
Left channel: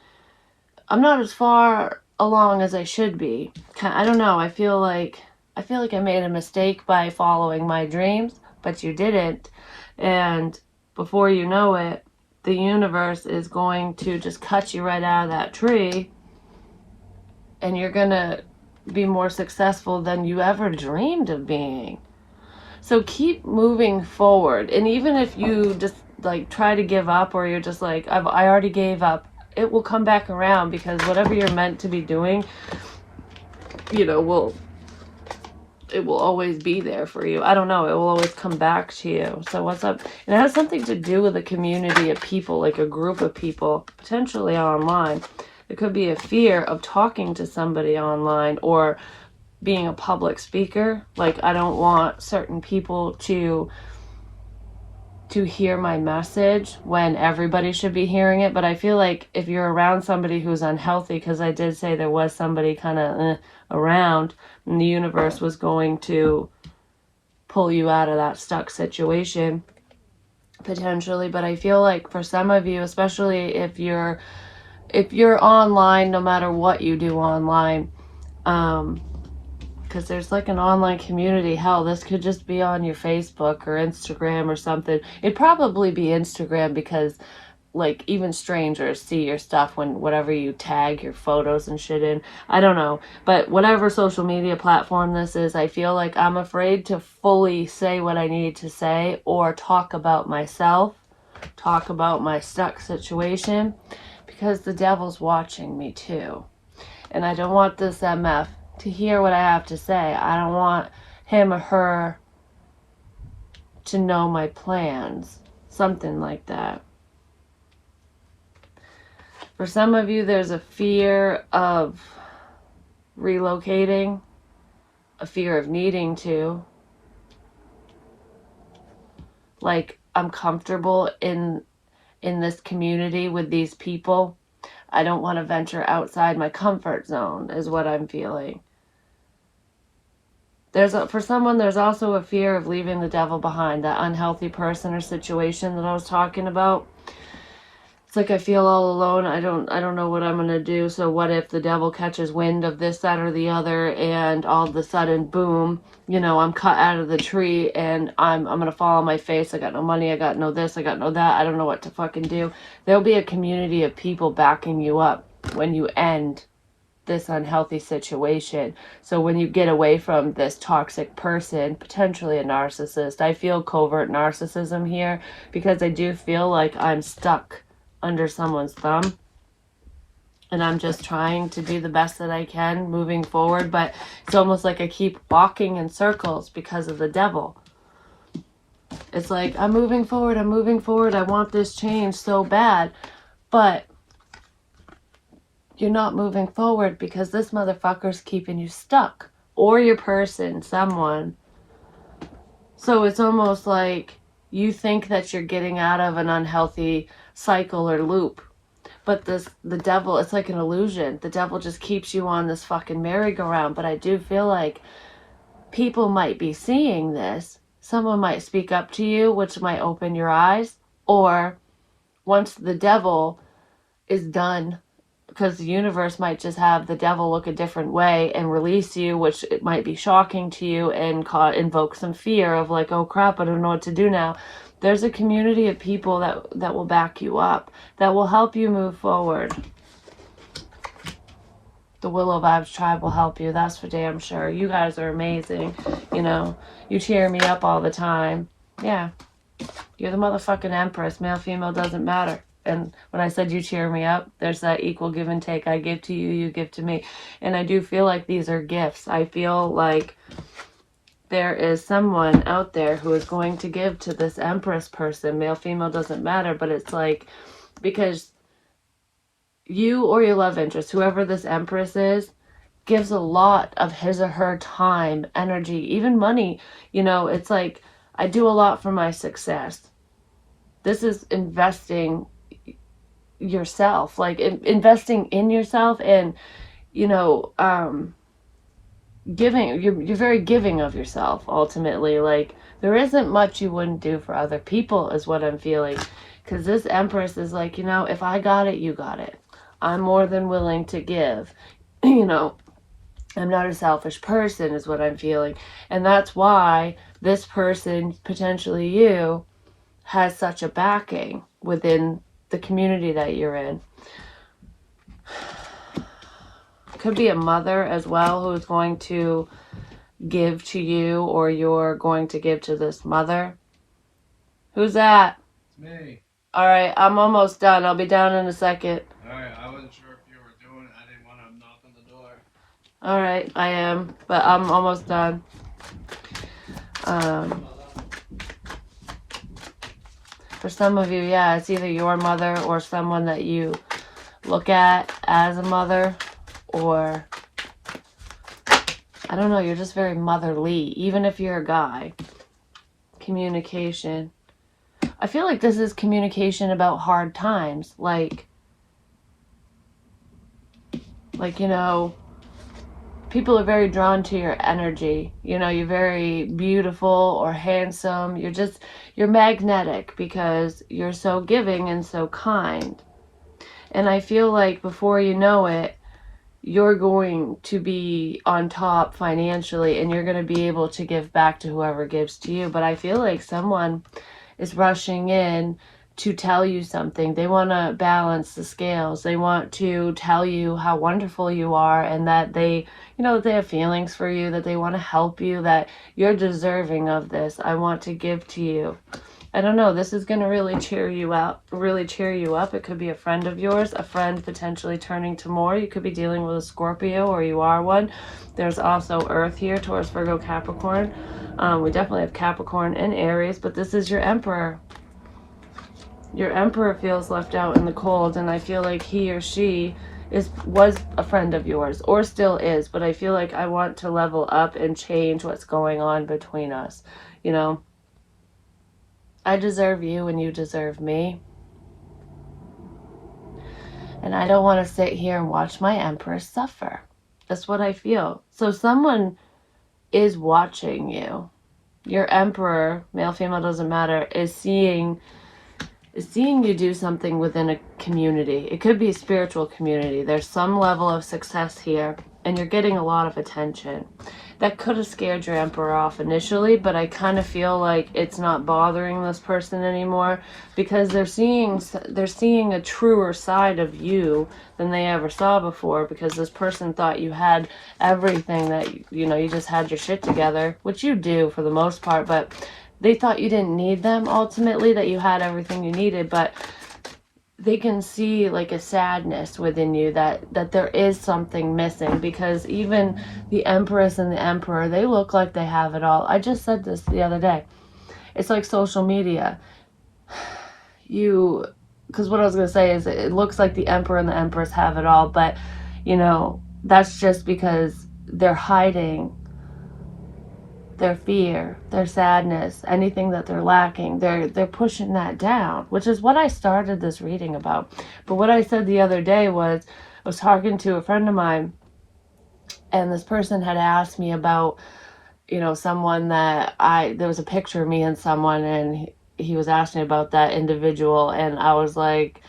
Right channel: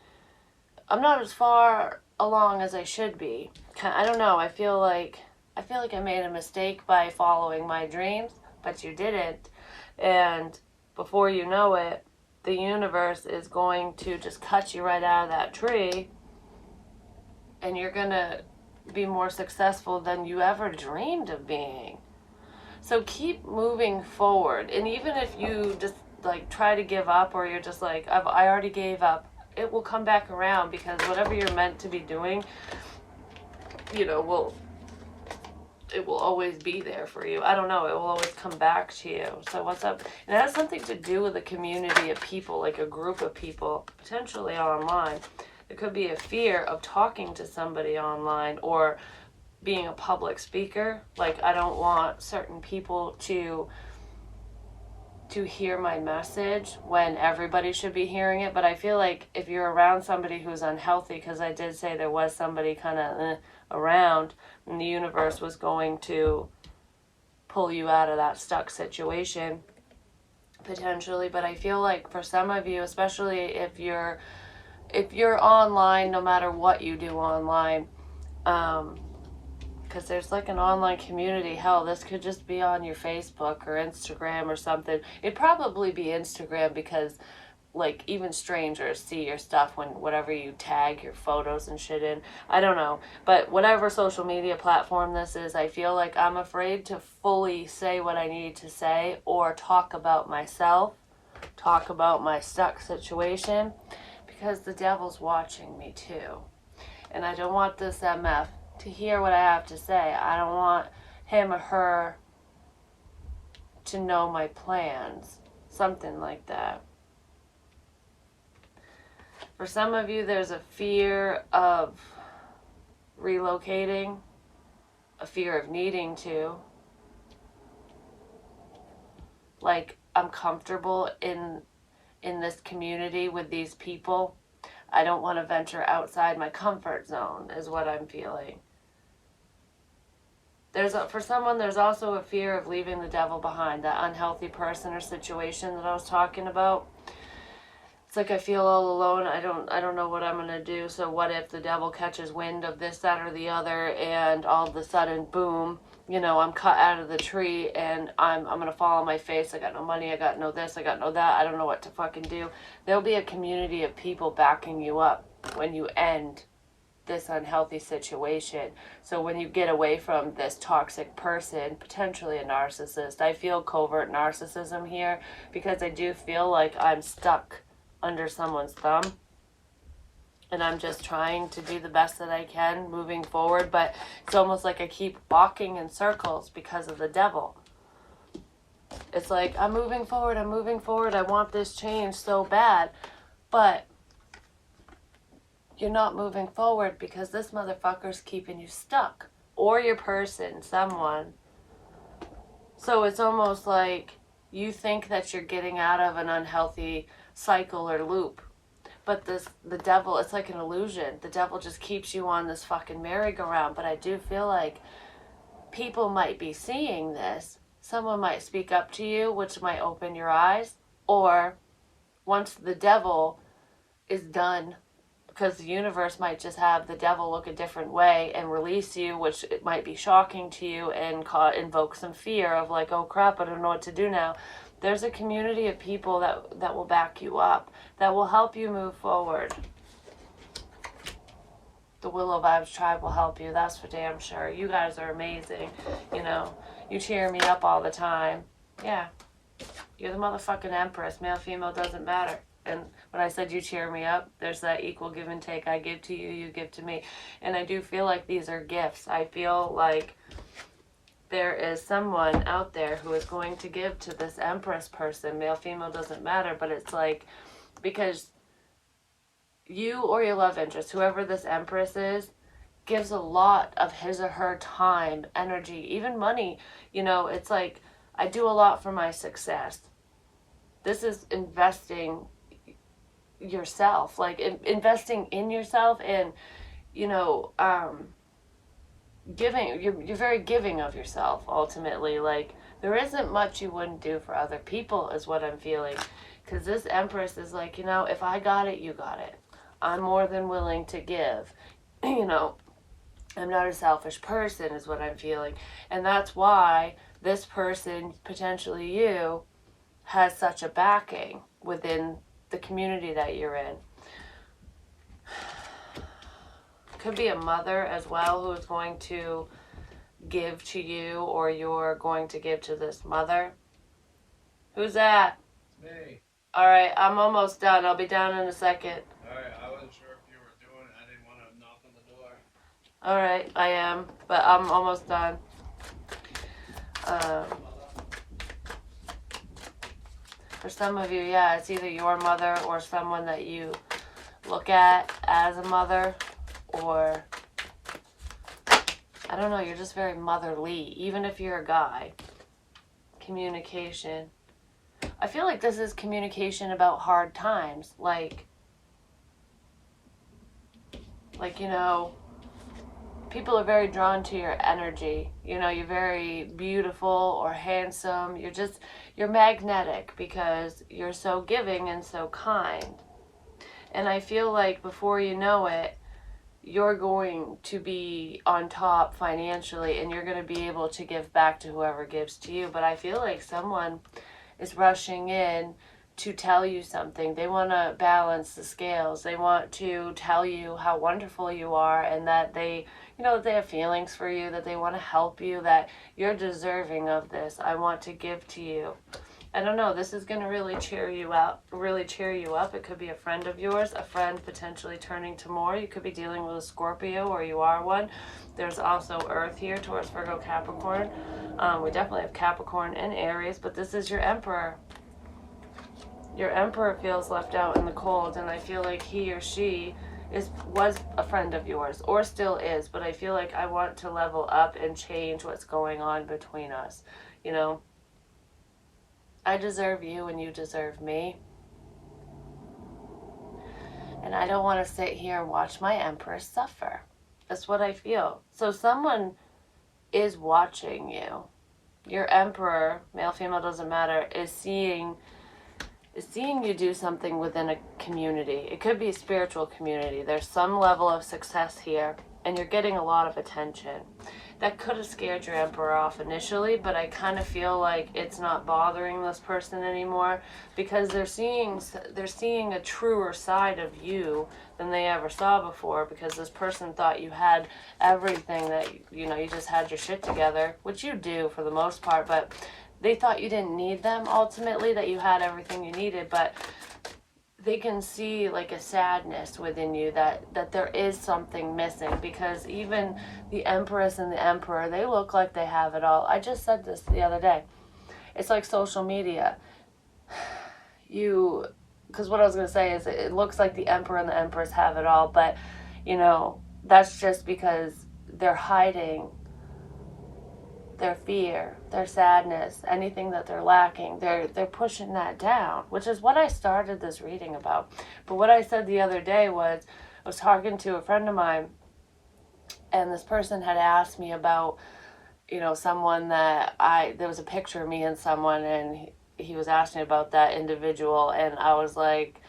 I'm not as far along as I should be. I don't know. I feel like I made a mistake by following my dreams, but you didn't. And before you know it, the universe is going to just cut you right out of that tree, and you're going to be more successful than you ever dreamed of being. So keep moving forward. And even if you just like try to give up, or you're just like, I already gave up, it will come back around, because whatever you're meant to be doing, it will always be there for you. I don't know. It will always come back to you. So what's up? And it has something to do with a community of people, like a group of people, potentially online. There could be a fear of talking to somebody online, or being a public speaker. Like, I don't want certain people to hear my message when everybody should be hearing it. But I feel like if you're around somebody who's unhealthy, because I did say there was somebody kind of around, and the universe was going to pull you out of that stuck situation potentially. But I feel like for some of you, especially if you're online, no matter what you do online, because there's like an online community. Hell, this could just be on your Facebook or Instagram or something. It'd probably be Instagram, because like even strangers see your stuff when whatever you tag your photos and shit in. I don't know. But whatever social media platform this is, I feel like I'm afraid to fully say what I need to say, or talk about myself, talk about my stuck situation, because the devil's watching me too. And I don't want this MF to hear what I have to say. I don't want him or her to know my plans. Something like that. For some of you, there's a fear of relocating, a fear of needing to. Like, I'm comfortable in this community with these people. I don't want to venture outside my comfort zone, is what I'm feeling. For someone, there's also a fear of leaving the devil behind, that unhealthy person or situation that I was talking about. It's like I feel all alone. I don't know what I'm going to do. So what if the devil catches wind of this, that, or the other, and all of a sudden, boom, I'm cut out of the tree, and I'm going to fall on my face. I got no money. I got no this. I got no that. I don't know what to fucking do. There'll be a community of people backing you up when you end this unhealthy situation. So when you get away from this toxic person, potentially a narcissist, I feel covert narcissism here, because I do feel like I'm stuck under someone's thumb, and I'm just trying to do the best that I can moving forward. But it's almost like I keep walking in circles because of the devil. It's like, I'm moving forward, I want this change so bad, but you're not moving forward because this motherfucker's keeping you stuck, or your person, someone. So it's almost like you think that you're getting out of an unhealthy cycle or loop, but the devil, it's like an illusion. The devil just keeps you on this fucking merry-go-round. But I do feel like people might be seeing this. Someone might speak up to you, which might open your eyes. Or once the devil is done, because the universe might just have the devil look a different way and release you, which it might be shocking to you and invoke some fear of like, oh crap, I don't know what to do now. There's a community of people that will back you up, that will help you move forward. The Willow Vibes tribe will help you, that's for damn sure. You guys are amazing. You cheer me up all the time. Yeah. You're the motherfucking empress. Male, female, doesn't matter. And when I said you cheer me up, there's that equal give and take. I give to you, you give to me. And I do feel like these are gifts. I feel like there is someone out there who is going to give to this empress person. Male, female, doesn't matter. But it's like, because you or your love interest, whoever this empress is, gives a lot of his or her time, energy, even money. It's like, I do a lot for my success. This is investing yourself, like investing in yourself, and giving. You're very giving of yourself ultimately. Like, there isn't much you wouldn't do for other people, is what I'm feeling. Because this Empress is like, if I got it, you got it. I'm more than willing to give. I'm not a selfish person, is what I'm feeling. And that's why this person, potentially you, has such a backing within the community that you're in. Could be a mother as well who's going to give to you, or you're going to give to this mother. Who's that? Me. All right, I'm almost done. I'll be down in a second. All right, I wasn't sure if you were doing it. I didn't want to knock on the door. All right, I am, but I'm almost done. For some of you, yeah, it's either your mother or someone that you look at as a mother, or I don't know, you're just very motherly, even if you're a guy. Communication. I feel like this is communication about hard times. Like, people are very drawn to your energy. You're very beautiful or handsome. You're magnetic because you're so giving and so kind. And I feel like before you know it, you're going to be on top financially, and you're going to be able to give back to whoever gives to you. But I feel like someone is rushing in to tell you something. They want to balance the scales. They want to tell you how wonderful you are, and that they have feelings for you, that they want to help you, that you're deserving of this. I want to give to you. I don't know, this is going to really cheer you up. It could be a friend of yours, a friend potentially turning to more. You could be dealing with a Scorpio, or you are one. There's also Earth here, Taurus, Virgo, Capricorn. We definitely have Capricorn and Aries, but this is your Emperor. Your Emperor feels left out in the cold, and I feel like he or she was a friend of yours, or still is, but I feel like I want to level up and change what's going on between us. I deserve you and you deserve me. And I don't want to sit here and watch my Empress suffer. That's what I feel. So someone is watching you. Your Emperor, male, female, doesn't matter, is seeing you do something within a community. It could be a spiritual community. There's some level of success here, and you're getting a lot of attention. That could have scared your Emperor off initially, but I kind of feel like it's not bothering this person anymore, because they're seeing a truer side of you than they ever saw before, because this person thought you had everything, that you just had your shit together, which you do for the most part, but they thought you didn't need them ultimately, that you had everything you needed. But they can see like a sadness within you, that there is something missing, because even the Empress and the Emperor, they look like they have it all. I just said this the other day. It's like social media. Because what I was going to say is, it looks like the Emperor and the Empress have it all, but that's just because they're hiding their fear, their sadness, anything that they're lacking. They're pushing that down, which is what I started this reading about. But what I said the other day was, I was talking to a friend of mine, and this person had asked me about, someone that there was a picture of me and someone, and he was asking about that individual, and I was like,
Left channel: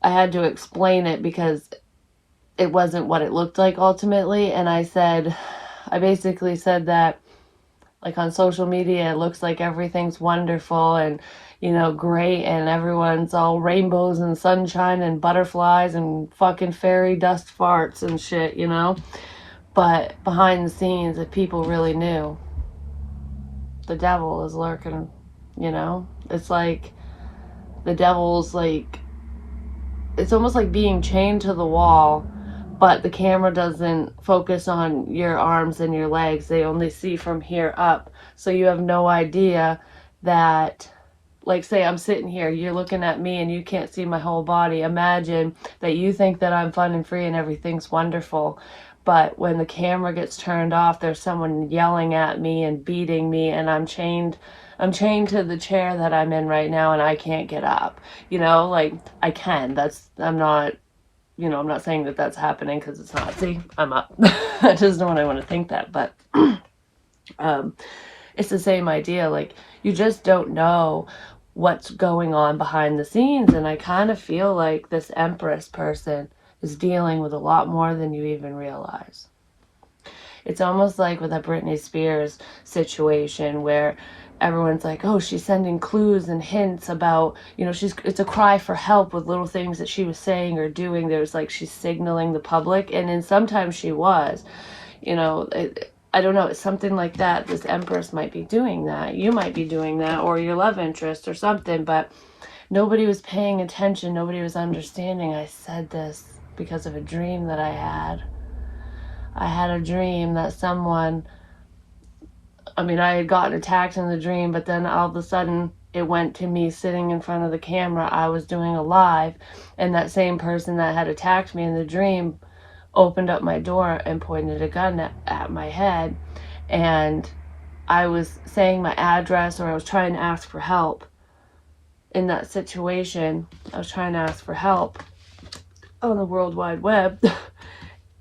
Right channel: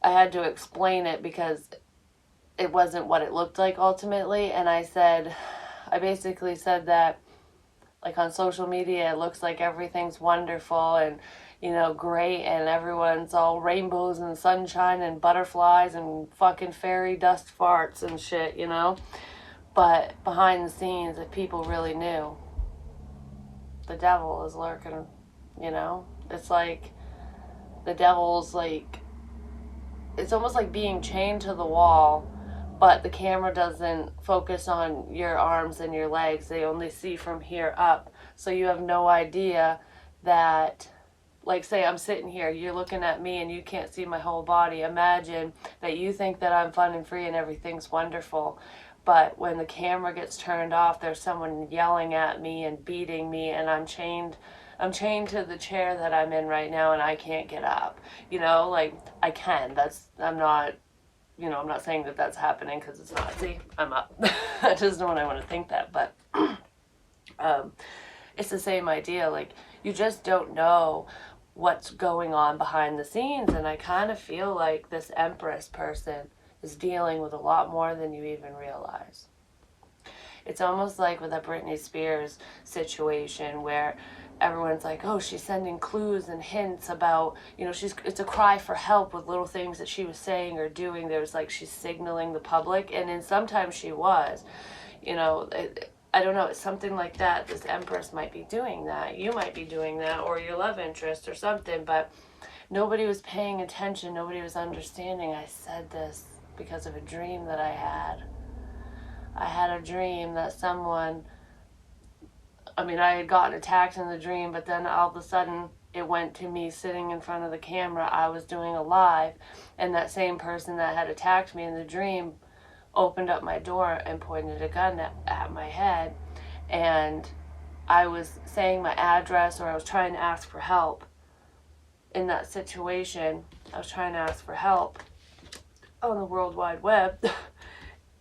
I had to explain it because it wasn't what it looked like ultimately. And I basically said that, like, on social media, it looks like everything's wonderful and, great, and everyone's all rainbows and sunshine and butterflies and fucking fairy dust farts and shit, But behind the scenes, if people really knew, the devil is lurking, It's like the devil's like, it's almost like being chained to the wall, but the camera doesn't focus on your arms and your legs. They only see from here up. So you have no idea that, like, say I'm sitting here, you're looking at me and you can't see my whole body. Imagine that you think that I'm fun and free and everything's wonderful, But when the camera gets turned off, there's someone yelling at me and beating me, and I'm chained to the chair that I'm in right now, and I can't get up. Like, I can. I'm not, I'm not saying that that's happening, because it's not. See, I'm up. I just don't want to think that. But it's the same idea. Like, you just don't know what's going on behind the scenes. And I kind of feel like this Empress person is dealing with a lot more than you even realize. It's almost like with a Britney Spears situation where everyone's like, oh, she's sending clues and hints about, it's a cry for help with little things that she was saying or doing. There's like, she's signaling the public. And then sometimes she was, I don't know, it's something like that. This Empress might be doing that. You might be doing that, or your love interest or something, but nobody was paying attention. Nobody was understanding. I said this because of a dream that I had. I had a dream that I had gotten attacked in the dream, but then all of a sudden it went to me sitting in front of the camera. I was doing a live, and that same person that had attacked me in the dream opened up my door and pointed a gun at my head. And I was saying my address, or I was trying to ask for help in that situation. I was trying to ask for help on the World Wide Web.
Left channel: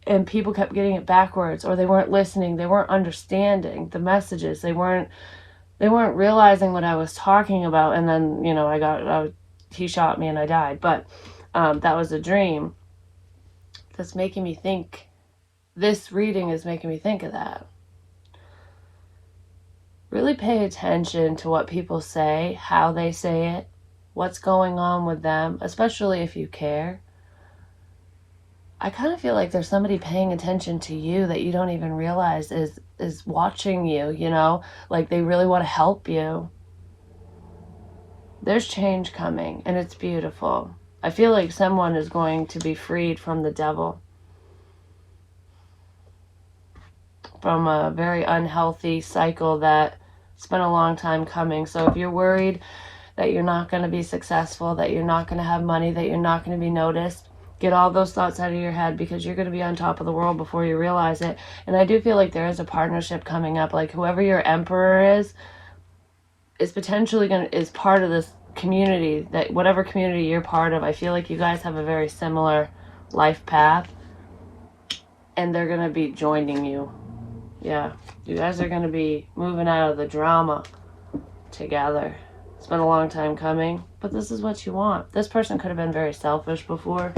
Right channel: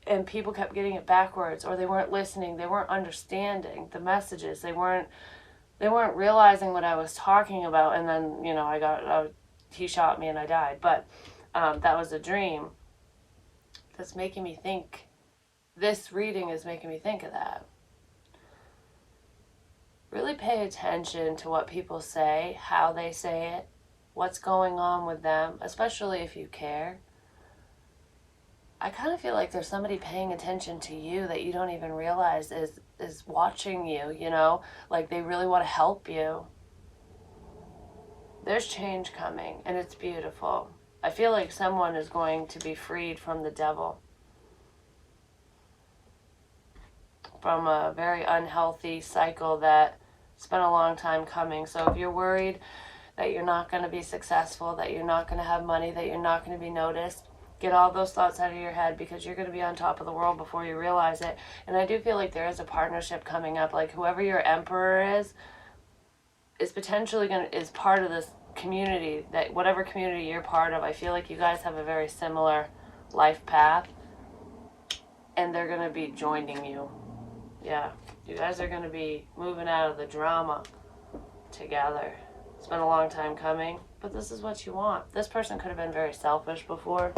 And people kept getting it backwards, or they weren't listening. They weren't understanding the messages. They weren't realizing what I was talking about. And then, he shot me and I died. But that was a dream that's making me think. This reading is making me think of that. Really pay attention to what people say, how they say it, what's going on with them, especially if you care. I kind of feel like there's somebody paying attention to you that you don't even realize is watching you, like they really want to help you. There's change coming, and it's beautiful. I feel like someone is going to be freed from the devil, from a very unhealthy cycle that's been a long time coming. So if you're worried that you're not going to be successful, that you're not going to have money, that you're not going to be noticed, get all those thoughts out of your head, because you're going to be on top of the world before you realize it. And I do feel like there is a partnership coming up. Like, whoever your emperor is potentially is part of this community, that whatever community you're part of. I feel like you guys have a very similar life path, and they're going to be joining you. Yeah, you guys are going to be moving out of the drama together. It's been a long time coming, but this is what you want. This person could have been very selfish before.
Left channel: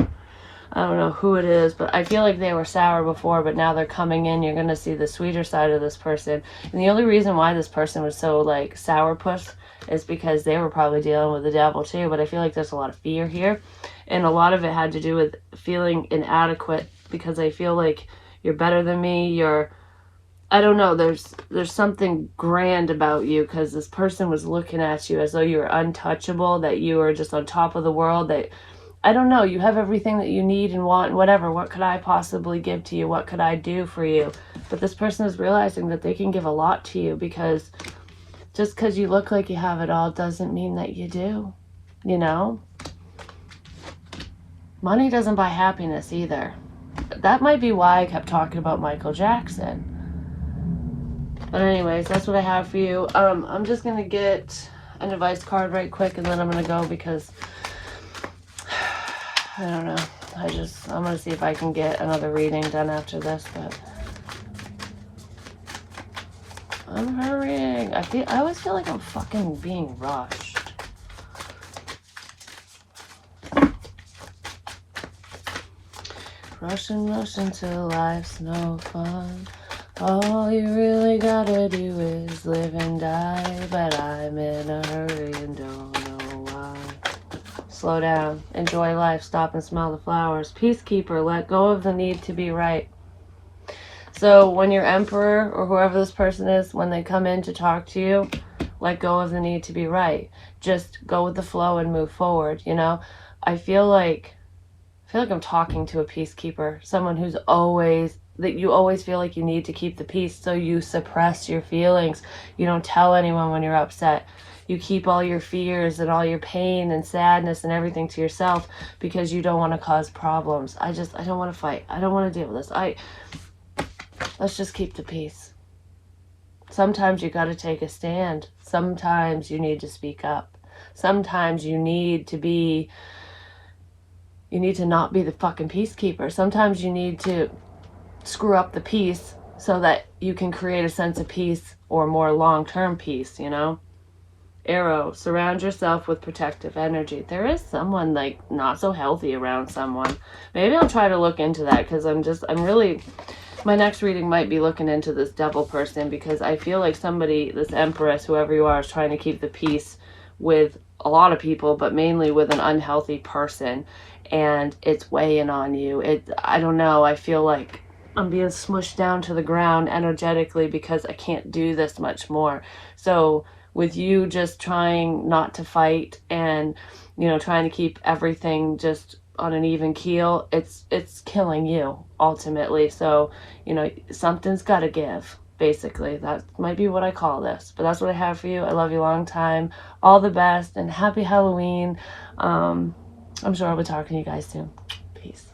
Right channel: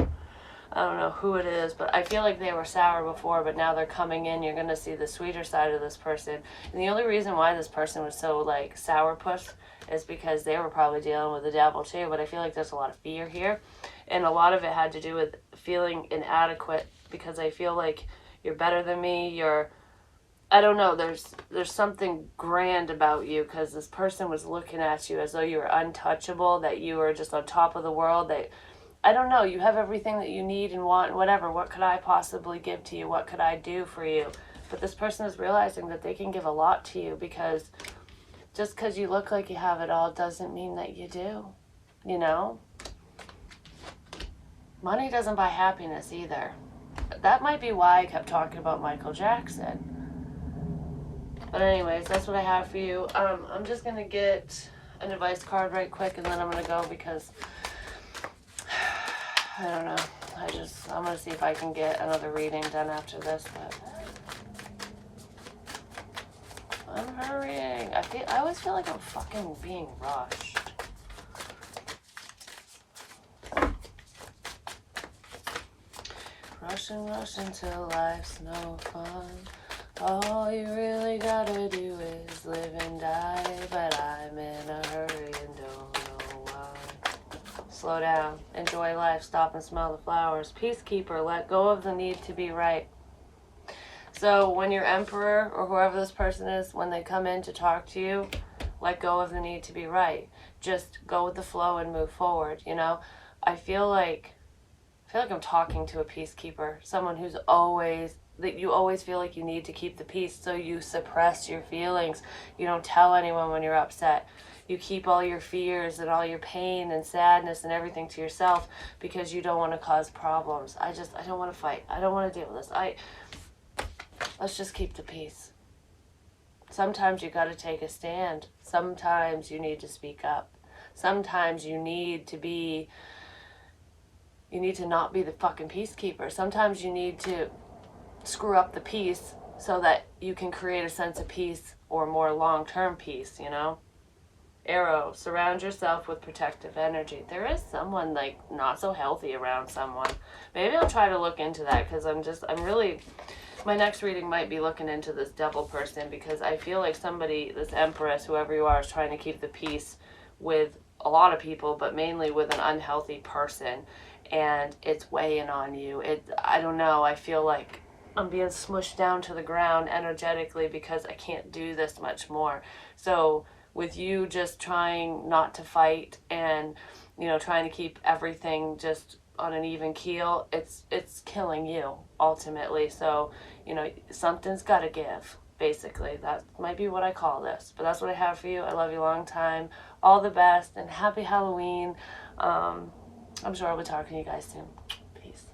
I don't know who it is, but I feel like they were sour before, but now they're coming in. You're going to see the sweeter side of this person. And the only reason why this person was so, like, sourpuss is because they were probably dealing with the devil too. But I feel like there's a lot of fear here. And a lot of it had to do with feeling inadequate, because I feel like you're better than me. I don't know, there's something grand about you, because this person was looking at you as though you were untouchable, that you were just on top of the world, that, I don't know, you have everything that you need and want, and whatever. What could I possibly give to you? What could I do for you? But this person is realizing that they can give a lot to you, because just because you look like you have it all doesn't mean that you do, Money doesn't buy happiness either. That might be why I kept talking about Michael Jackson. But anyways, that's what I have for you. I'm just going to get an advice card right quick, and then I'm going to go, because I don't know. I'm going to see if I can get another reading done after this, but I'm hurrying. I always feel like I'm fucking being rushed. Rushing till life's no fun. All you really gotta do is live and die, but I'm in a hurry and don't know why. Slow down, enjoy life, stop and smell the flowers. Peacekeeper, let go of the need to be right. So when your emperor, or whoever this person is, when they come in to talk to you, let go of the need to be right. Just go with the flow and move forward, I feel like I'm talking to a peacekeeper, someone who's that you always feel like you need to keep the peace, so you suppress your feelings. You don't tell anyone when you're upset. You keep all your fears and all your pain and sadness and everything to yourself, because you don't want to cause problems. I don't want to fight. I don't want to deal with this. let's just keep the peace. Sometimes you got to take a stand. Sometimes you need to speak up. Sometimes you need to not be the fucking peacekeeper. Sometimes you need to screw up the peace so that you can create a sense of peace or more long-term peace, you know? Arrow, surround yourself with protective energy. There is someone like not so healthy around someone. Maybe I'll try to look into that because I'm really, my next reading might be looking into this devil person because I feel like somebody, this empress, whoever you are, is trying to keep the peace with a lot of people, but mainly with an unhealthy person, and it's weighing on you. I don't know, I feel like I'm being smushed down to the ground energetically because I can't do this much more. So with you just trying not to fight and, you know, trying to keep everything just on an even keel, it's killing you ultimately. So, you know, something's got to give. Basically, that might be what I call this, but that's what I have for you. I love you long time. All the best and happy Halloween. I'm sure I'll be talking to you guys soon. Peace.